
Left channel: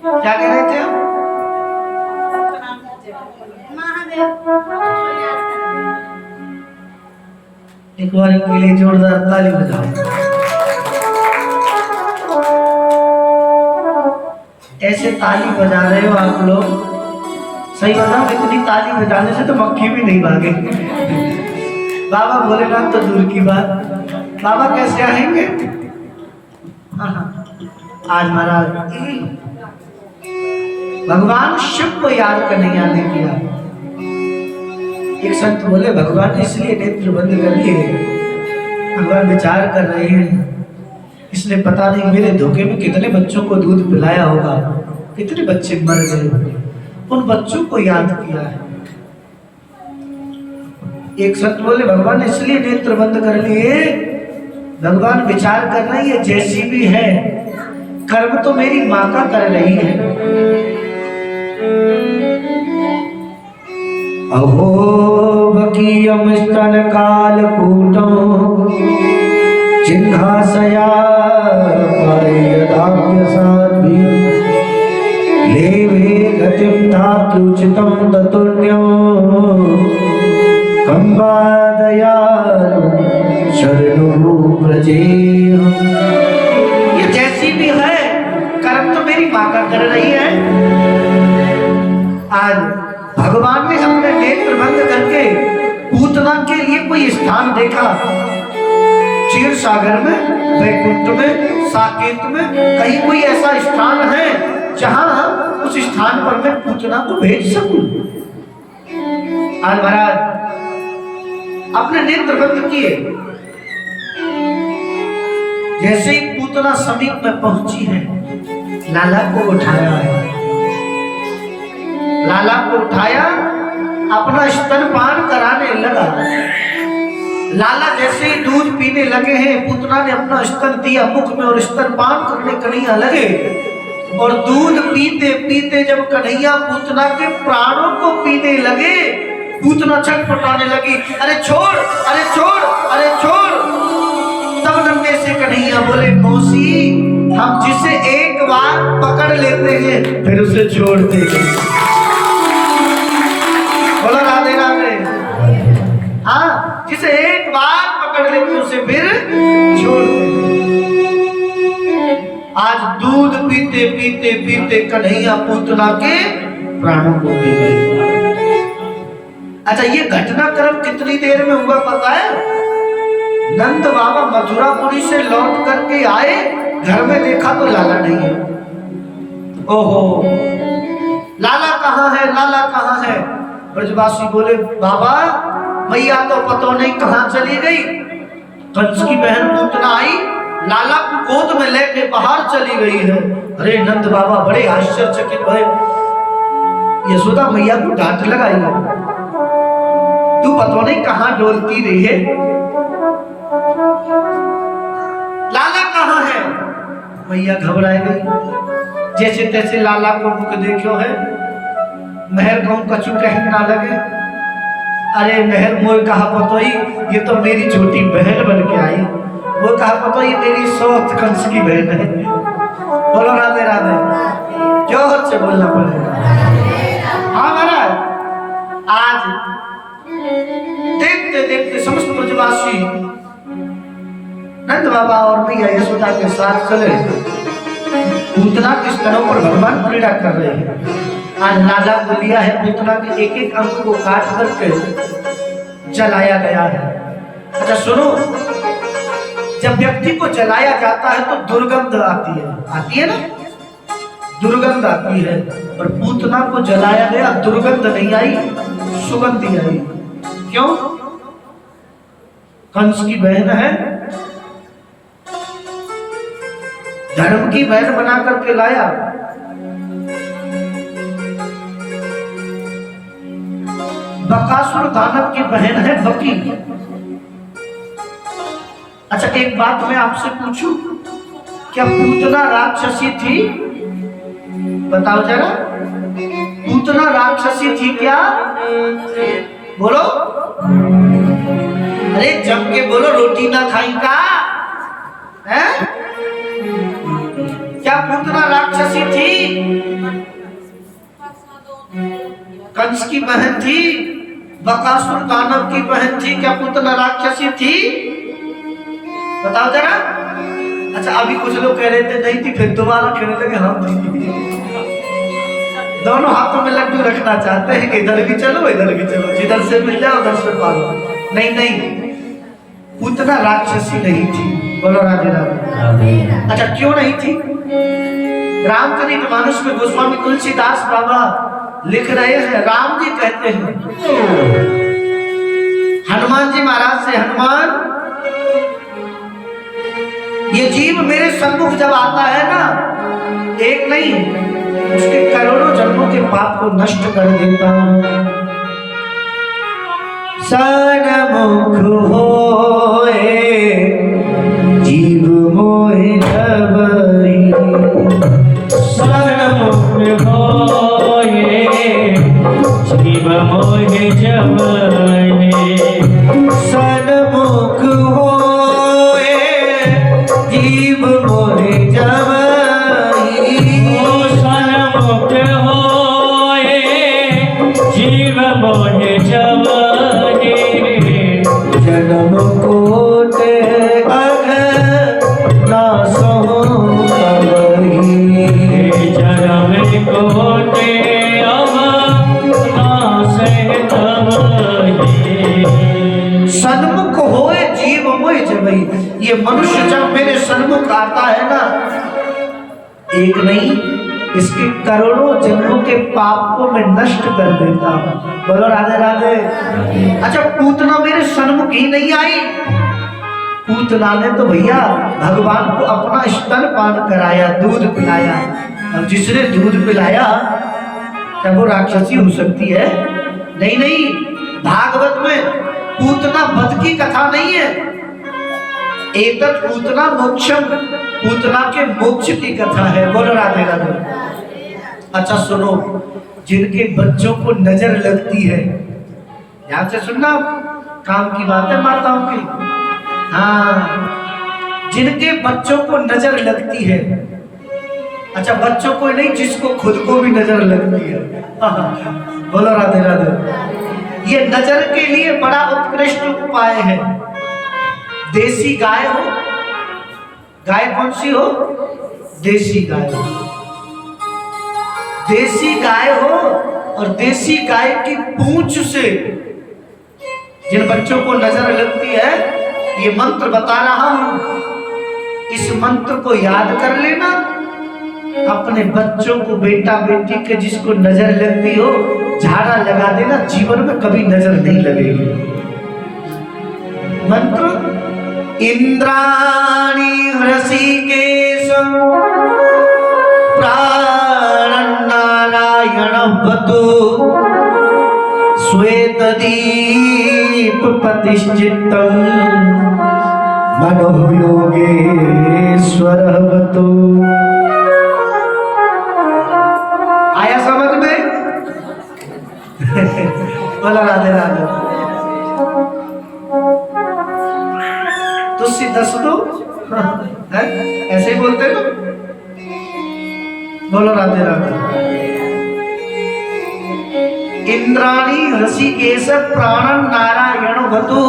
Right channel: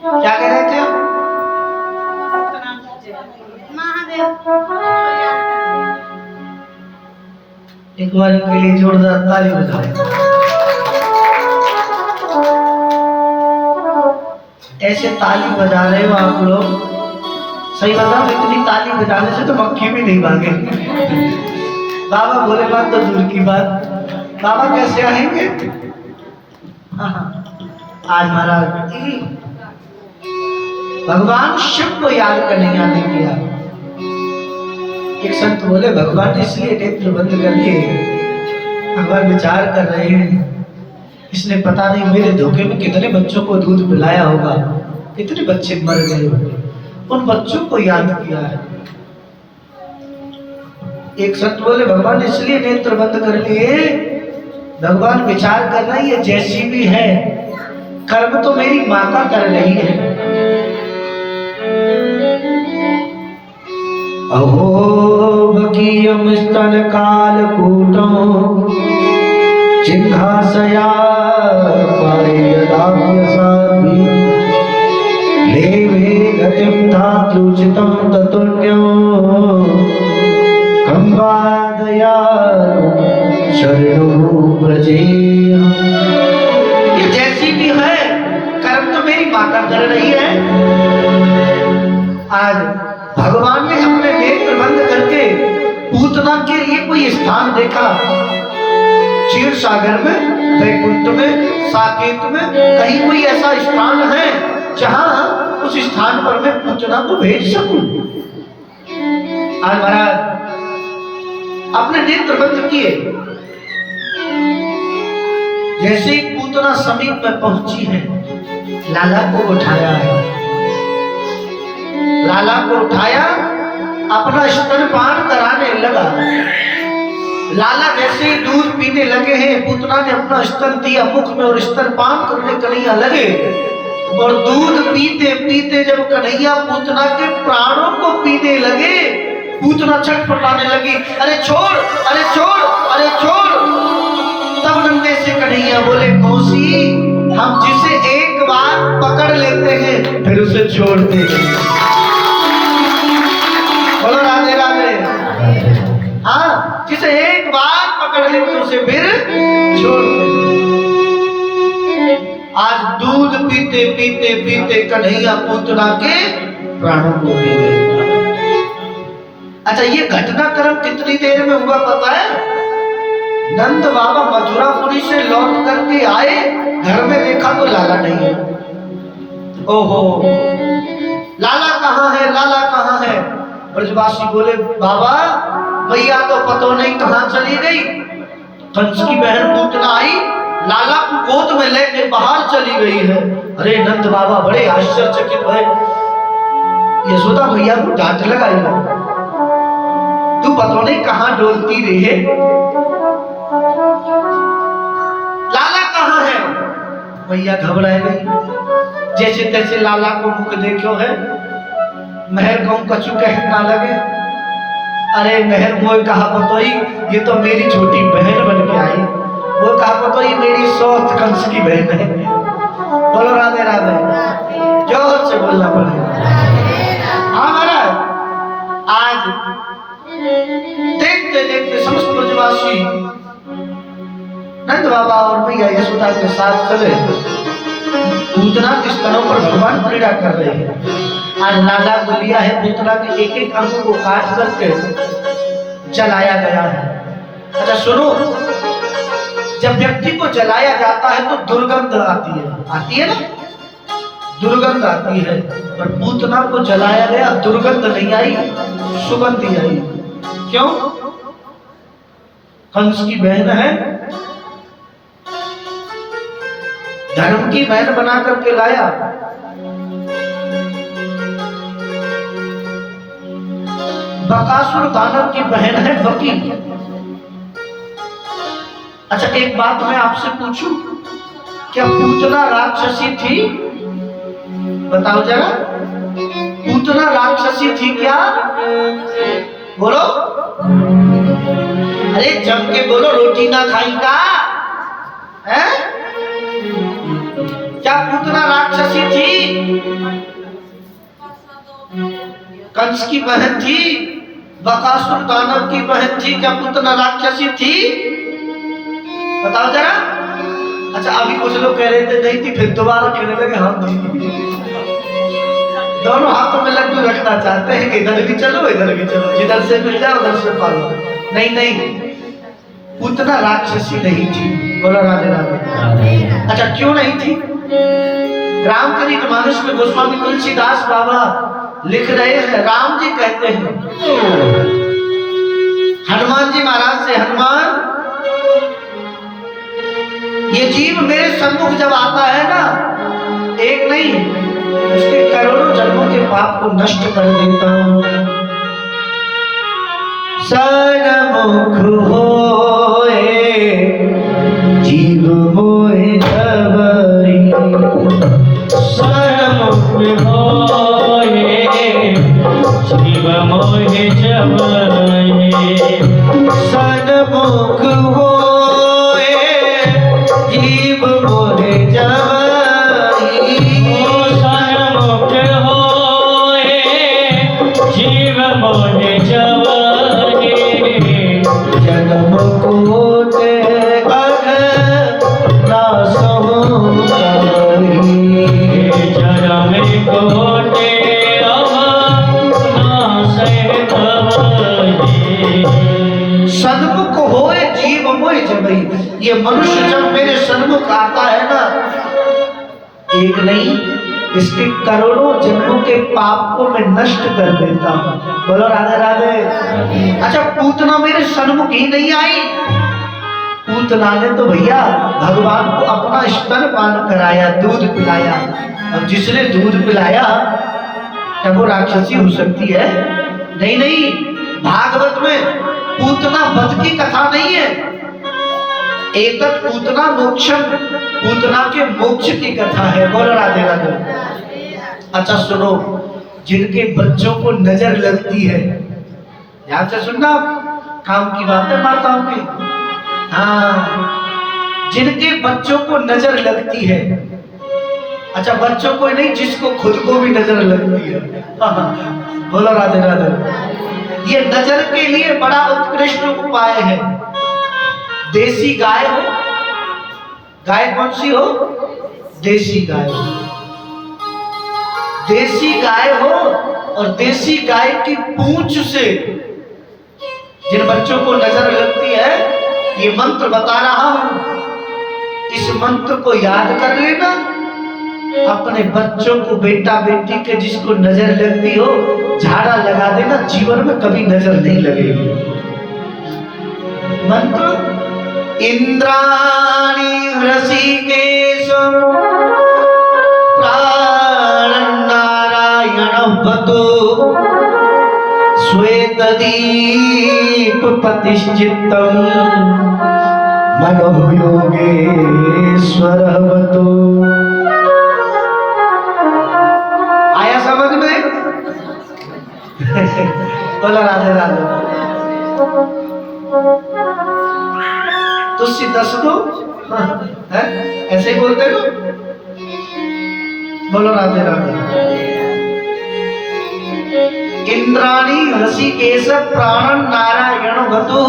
क्या कह रहे थे? एक बार के लिए जोरदार ताली बजाओ। ऐसे ताली बजा रहे हो आप लोग, सही बताओ, इतनी ताली बजाने से तो मक्खी भी नहीं भागे। बाबा भोलेनाथ तो दूर की बात, बाबा कैसे आएंगे? आज महाराज भगवान शिव को याद करने जाने किया। एक संत बोले भगवान ने इसलिए नेत्र बंद कर लिए, भगवान विचार कर रहे हैं, इसने पता नहीं मेरे धोखे में कितने बच्चों को दूध पिलाया होगा, कितने बच्चे मर गए, उन बच्चों को याद किया है। एक संत बोले भगवान ने इसलिए नेत्र बंद कर लिए, भगवान विचार कर रहा है ये जैसी भी है, कर्म तो मेरी माँ का कर रही है। अहो बकीयम स्तन काल कूटं चिन्हासया पारियदाभ्यसाद्भि लेवे गतिं धातृचितं ततुल्यं कंबादयानु शरणो व्रजेय। ये जैसी भी है, कर्म तो मेरी माँ का कर रही है। आज भगवान ने अपने नेत्र बंद करके पूतना के लिए कोई स्थान देखा, क्षीर सागर में, वैकुंठ में, साकेत में, कहीं कोई ऐसा स्थान है जहां उस स्थान पर मैं पूतना को भेज सकूं। आज महाराज अपने नेत्र बंद किए, जैसे ही पूतना समीप में पहुंची है, लाला को उठाया, लाला को उठाया, अपना स्तनपान कराने लगा। लाला जैसे ही दूध पीने लगे हैं, पूतना ने अपना स्तन दिया मुख में और स्तनपान करने कन्हैया लगे, और दूध पीते पीते जब कन्हैया पूतना के प्राणों को पीने लगे, पूतना छटपटाने लगी, अरे छोड़, अरे छोड़, अरे छोड़। तब नन्हे से कन्हैया बोले मौसी, हम जिसे एक बार पकड़ लेते हैं फिर उसे छोड़ते हैं। बोलो राधे राधे। हाँ, जिसे एक बार पकड़ लेते उसे फिर छोड़ देते। आज दूध पीते पीते पीते कन्हैया पूतना के प्राणों को पी गए। अच्छा, ये घटनाक्रम कितनी देर में हुआ पता है? नंद बाबा मथुरापुरी से लौट करके आए, घर में देखा तो लाला नहीं है। ओहो, लाला कहाँ है, लाला कहाँ है? ब्रजवासी बोले बाबा मैया तो पतो नहीं कहाँ चली गई। कंस की बहन पूतना आई, लाला को गोद में लेके बाहर चली गई है। अरे नंद बाबा बड़े आश्चर्यचकित भये, यशोदा मैया को डांट लगाई, तू पतो नहीं कहाँ डोलती रही है, लाला कहाँ है? मैया घबरा गई, जैसे तैसे लाला को मुख देखो है, मेहर कहूं कछु कह ना लगे। अरे मेहर मोह कहा पतोई, ये तो मेरी छोटी बहन बन के आई, वो कहा पतोई मेरी सौत कंस की बहन है। बोलो राधे राधे, जोर से बोलना पड़ेगा। हाँ महाराज, आज देखते देखते समस्त ब्रजवासी नंद बाबा और मैया यशोदा के साथ चले पूतना के स्तरों पर भगवान पीड़ा कर रहे हैं। आज नागा को लिया है, पूतना के एक एक अंग को काट करके जलाया गया है। अच्छा सुनो, जब व्यक्ति को जलाया जाता है तो दुर्गंध आती है ना, दुर्गंध आती है। पर पूतना को जलाया गया, दुर्गंध नहीं आई, सुगंध ही आई। क्यों? कंस की बहन है, धर्म की बहन बना करके लाया। बकासुर दानव की बहन है बकी। अच्छा एक बात मैं आपसे पूछूं, क्या पूतना राक्षसी थी? बताओ जरा, पूतना राक्षसी थी क्या? बोलो, अरे जम के बोलो, रोटी ना खाई का है? क्या पूतना राक्षसी थी? कंस की बहन थी, बकासुर दानव की बहन थी। क्या पूतना राक्षसी थी? बताओ जरा। अच्छा अभी कुछ लोग कह रहे थे नहीं थी, फिर दोबारा कहने लगे हम थी। दोनों हाथों में लड्डू रखना चाहते हैं कि इधर भी चलो इधर भी चलो, जिधर से मिल जाए उधर से पालो। नहीं नहीं, पूतना राक्षसी नहीं थी। बोलो राधे राधे। अच्छा क्यों नहीं थी? रामचरितमानस में गोस्वामी तुलसीदास बाबा लिख रहे हैं, राम जी कहते हैं हनुमान जी महाराज से, हनुमान ये जीव मेरे सम्मुख जब आता है ना, एक नहीं उसके करोड़ों जन्मों के पाप को नष्ट कर देता हूं। सन्मुख होए जीव मोहे जबरी, सन्मुख होए जीव मोहे जबरी, सन्मुख होए जीव मोहे जबरी, सन्मुख होए जीव मोहे जबरी, जन्म कोटि अघ नासहु तबरी, जन्म कोटि अघ नासहु तबरी। सन्मुख होए जीव मोहि जबई। ये मनुष्य जब मेरे सन्मुख आता है ना, एक नहीं इसके करोड़ों जन्मों के पाप को मैं नष्ट कर देता हूं। बोलो राधे राधे। अच्छा पूतना मेरे सन्मुख ही नहीं आई, पूतना ने तो भैया भगवान को अपना स्तन पान कराया, दूध पिलाया। अब जिसने दूध पिलाया क्या वो राक्षसी हो सकती है? नहीं नहीं, भागवत में पूतना वध की कथा नहीं है, एकत पूतना मोक्षम, पूतना के मोक्ष की कथा है। बोलो राधे राधे। अच्छा सुनो, जिनके बच्चों को नजर लगती है, ध्यान से सुनना, काम की बातें माताओं की। हाँ, जिनके बच्चों को नजर लगती है, अच्छा बच्चों को नहीं, जिसको खुद को भी नजर लगती है। बोलो राधे राधे। ये नजर के लिए बड़ा उत्कृष्ट उपाय है। देसी गाय हो, गाय कौन सी हो? देसी गाय हो। देसी गाय हो और देसी गाय की पूंछ से जिन बच्चों को नजर लगती है, ये मंत्र बता रहा हूं, इस मंत्र को याद कर लेना। अपने बच्चों को, बेटा बेटी के जिसको नजर लगती हो, झाड़ा लगा देना, जीवन में कभी नजर नहीं लगेगी। मंत्र इंद्राणी हृषिकेश प्राणं नारायण बतो श्वेतदीप प्रतिष्ठितं मनो योगेश्वर बतो। आया समझ में? बोला राधे राधे। तुलसी दस दो है? ऐसे ही बोलते हो? बोलो राधे राधे। इंद्राणी हृषिकेश प्राणं नारायण बतो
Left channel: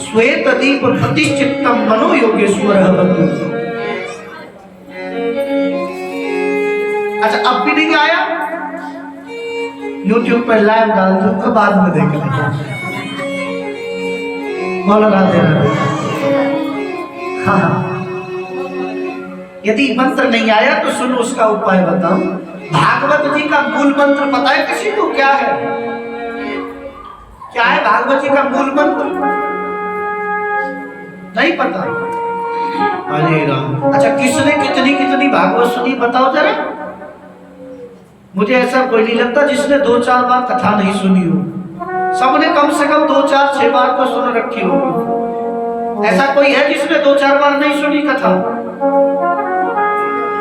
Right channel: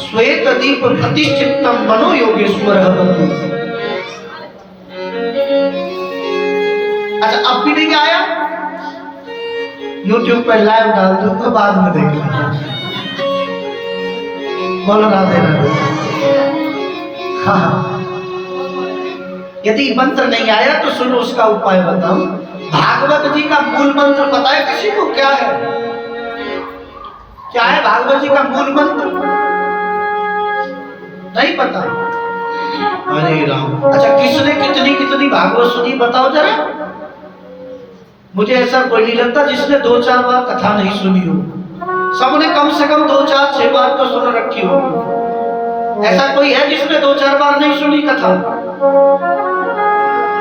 श्वेतदीप प्रतिष्ठितं मनो योगेश्वर बतो। भी नहीं आया, यूट्यूब पर लाइव डाल दूंगा, बाद में देखना। बोलो राधे राधे। हाँ, यदि मंत्र नहीं आया तो सुनो उसका उपाय बताऊं। भागवत जी का मूल मंत्र पता है किसी को क्या है? क्या है भागवत जी का मूल मंत्र? नहीं पता? अरे राम। अच्छा, किसने कितनी कितनी भागवत सुनी बताओ जरा। मुझे ऐसा कोई नहीं लगता जिसने 2-4 बार कथा नहीं सुनी हो। सबने कम से कम 2-4-6 बार तो सुन रखी हो। ऐसा कोई है जिसने 2-4 बार नहीं सुनी कथा?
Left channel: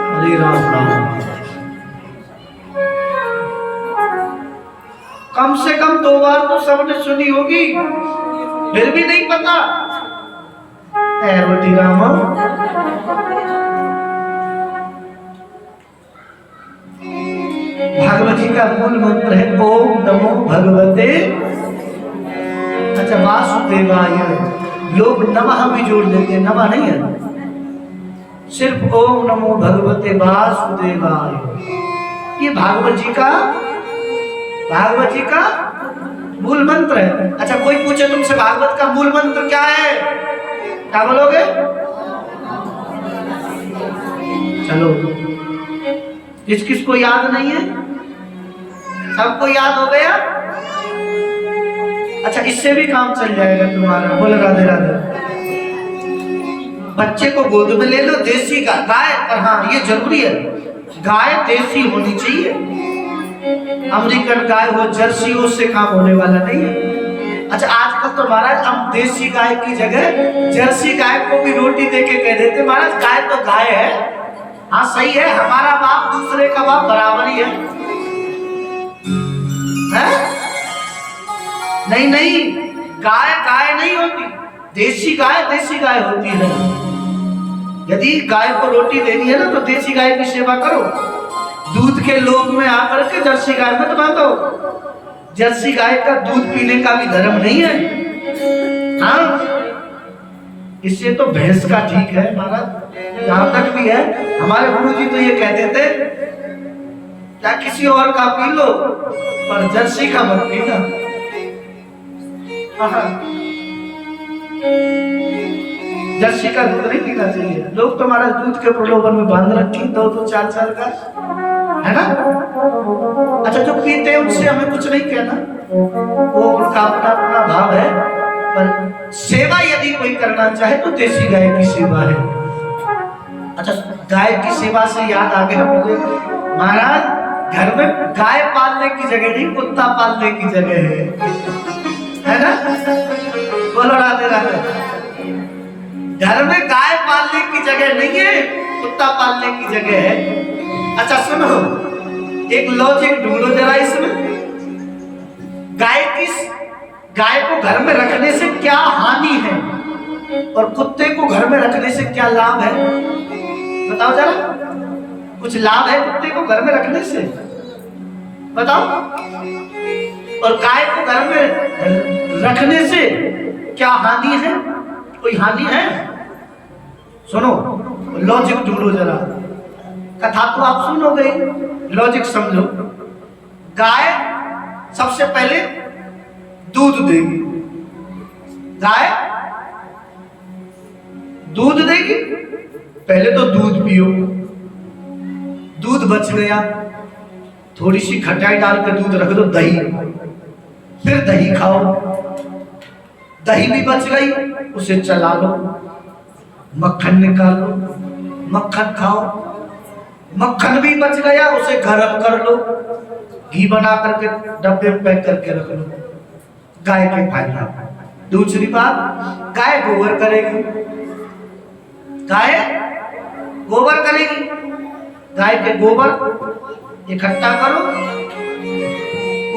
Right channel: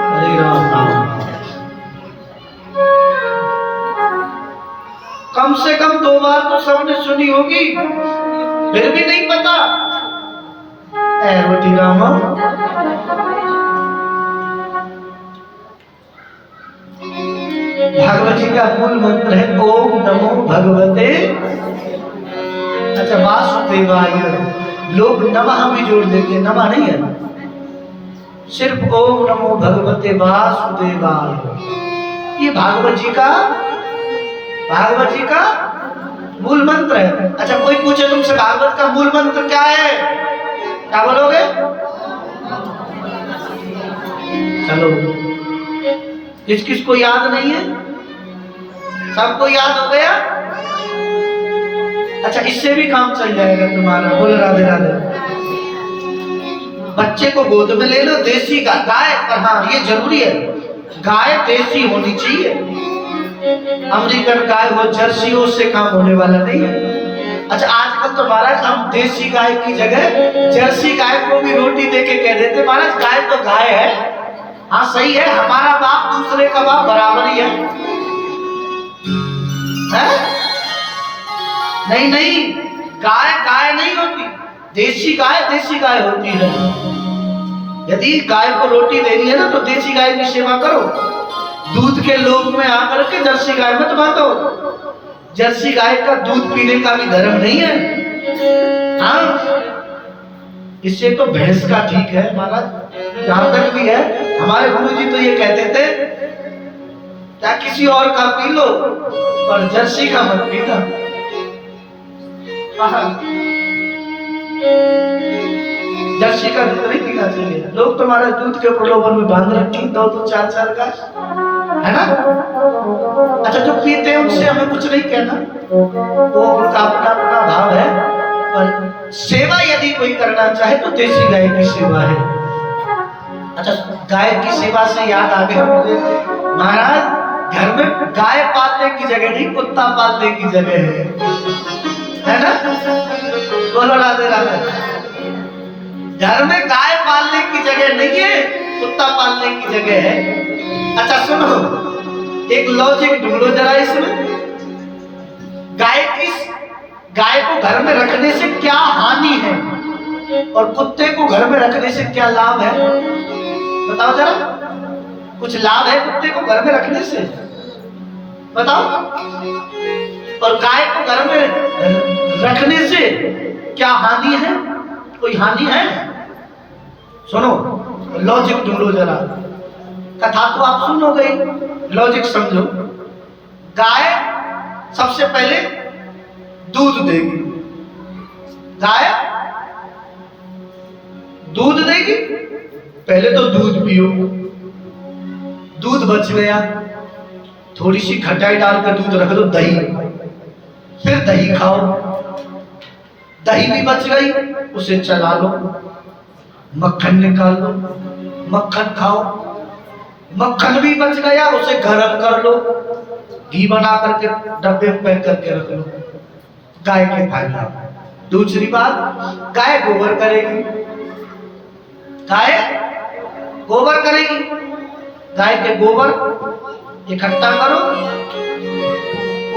अरे राम राम। कम से कम 2 बार तो सबने सुनी होगी, फिर भी नहीं पता। ऐवटी राम। भागवत जी का मूल मंत्र है ओम नमो भगवते, अच्छा वासुदेवाय। लोग नमः भी जोड़ देते, नमः नहीं है, सिर्फ ओम नमो भगवते वासुदेवाय। ये भागवत जी का मूल मंत्र है। अच्छा, कोई पूछे तुमसे भागवत का मूल मंत्र क्या है, क्या बोलोगे? चलो, किस किस को याद नहीं है? सबको याद हो गया? अच्छा, इससे भी काम चल जाएगा तुम्हारा। बोल राधे राधे। बच्चे को गोद में ले लो, देसी गाय, पर हाँ ये जरूरी है, गाय देसी होनी चाहिए। अमेरिकन गाय हो, जर्सी हो, उससे काम होने वाला नहीं है। अच्छा, आजकल तो महाराज हम देसी गाय की जगह जर्सी गाय को भी रोटी दे के कह देते महाराज गाय तो गाय है। हाँ सही है, हमारा बाप दूसरे का बाप बराबर ही है? नहीं नहीं, गाय गाय नहीं होती, देसी गाय होती है। यदि गाय को रोटी देनी है ना तो देसी गाय की सेवा करो। दूध के लोभ में आकर के जर्सी गाय मत बांटो। जर्सी गाय का दूध पीने का भी धर्म नहीं है। हाँ, इससे तो भैंस का ठीक है महाराज, जहां तक भी है। हमारे गुरु जी तो ये कहते थे क्या किसी और का पी लो पर जर्सी का मत पीना। जर्सी का दूध नहीं पीना चाहिए। लोग तो हमारे दूध के प्रलोभन में बांध रखी 2-4 का, है ना? अच्छा, जो पीते हैं उनसे हमें कुछ नहीं कहना, वो उनका अपना अपना भाव है। पर सेवा यदि कोई करना चाहे तो देसी गाय की सेवा है। अच्छा, गाय की सेवा से याद आ गया मुझे महाराज, घर में गाय पालने की जगह नहीं, कुत्ता पालने की जगह है ना? बोलो राधे राधे। घर में गाय पालने की जगह नहीं है, कुत्ता पालने की जगह है। अच्छा सुनो, एक लॉजिक ढूंढो जरा इसमें। गाय को घर में रखने से क्या हानि है और कुत्ते को घर में रखने से क्या लाभ है, बताओ जरा। कुछ लाभ है कुत्ते को घर में रखने से, बताओ। और गाय को घर में रखने से क्या हानि है? कोई हानि है? सुनो, लॉजिक ढूंढो जरा। कथा तो आप सुनो गई, लॉजिक समझो। गाय सबसे पहले दूध देगी, गाय दूध देगी, पहले तो दूध पियो, दूध बच गया, थोड़ी सी खटाई डाल कर दूध रख दो, दही, फिर दही खाओ, दही भी बच गई, उसे चला लो, मक्खन निकाल लो, मक्खन खाओ, मक्खन भी बच गया, उसे गरम कर लो, घी बना करके डब्बे में पैक करके रख लो। गाय के फायदा। दूसरी बात, गाय गोबर करेगी, गाय गोबर करेगी, गाय के गोबर इकट्ठा करो,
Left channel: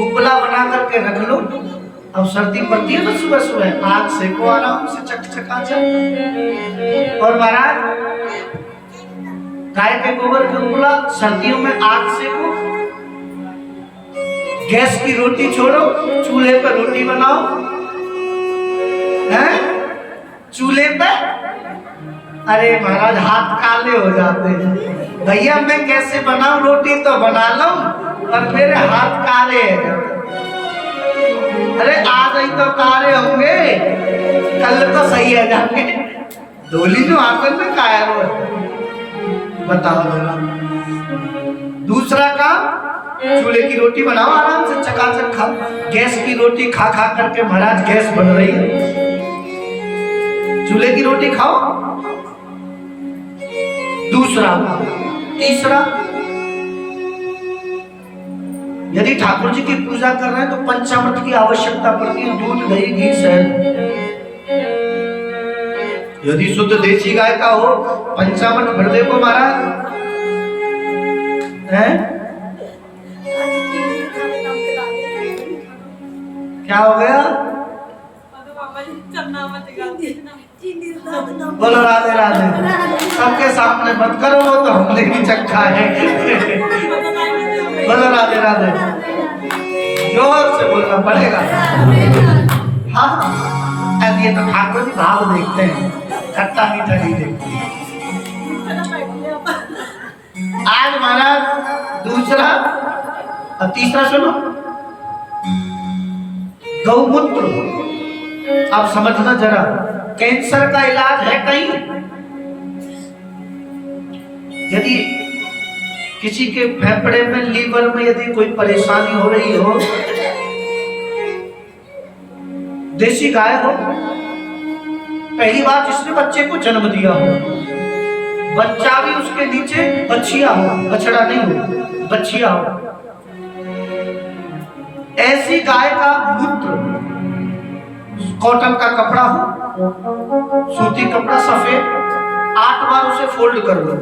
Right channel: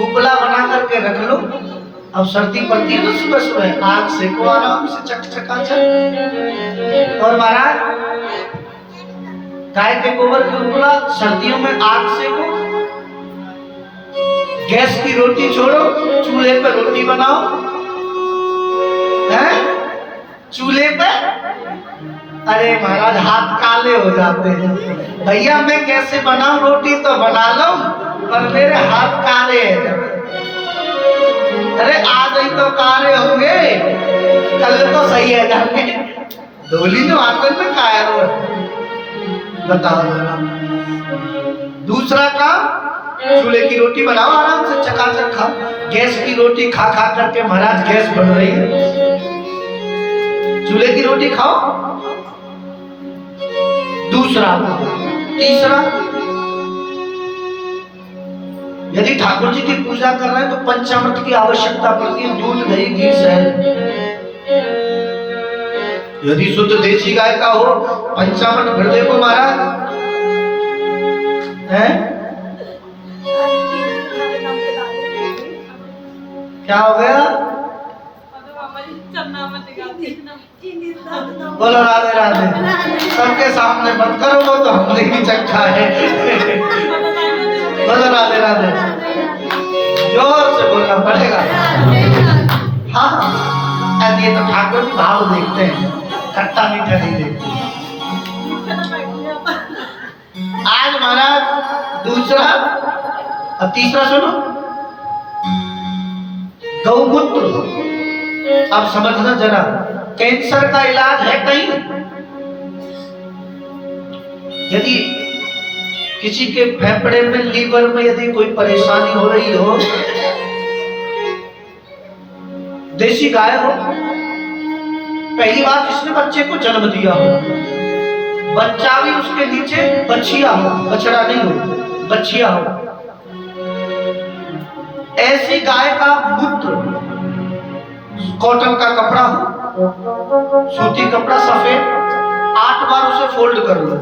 उपला बना करके रख लो। अब सर्दी पड़ती है तो सुबह सुबह आग सेको आराम से चकचकाचक। और महाराज गाय के गोबर की उपला सर्दियों में आग सेको, गैस की रोटी छोड़ो, चूल्हे पर रोटी बनाओ, हैं? चूल्हे पे अरे महाराज हाथ काले हो जाते हैं। भैया मैं कैसे बनाऊं रोटी तो बना लो, पर मेरे हाथ काले हैं। अरे आ गई तो काले होंगे, कल तो सही है जाके धोली तो आंगन में काया रो। बताओ जरा। दूसरा काम, चूल्हे की रोटी बनाओ आराम से चकाचक खाओ। गैस की रोटी खा खा करके महाराज गैस बन रही है, चूल्हे की रोटी खाओ। दूसरा, तीसरा, यदि ठाकुर जी की पूजा कर रहे हैं तो पंचामृत की आवश्यकता पड़ती है, दूध दही घी शहद। यदि शुद्ध देसी गाय का हो पंचामृत हृदय को महाराज है। क्या हो गया? बोलो राधे राधे। सबके सामने मत करो, वो तो हमने भी चखा है। बोलो राधे राधे, जोर से बोलना पड़ेगा। हाँ ये तो ठाकुर जी भाव देखते हैं, खट्टा मीठा नहीं देखते। आज महाराज दूसरा और तीसरा सुनो, गौमूत्र। अब समझना जरा, कैंसर का इलाज है कहीं? यदि किसी के फेफड़े में, लीवर में यदि कोई परेशानी हो रही हो, देसी गाय हो, पहली बात इसने बच्चे को जन्म दिया हो, बच्चा भी उसके नीचे बछिया हो, बछड़ा नहीं हो, बछिया हो, ऐसी गाय का मूत्र कॉटन का कपड़ा हो, सूती कपड़ा सफेद, 8 बार उसे फोल्ड कर लो,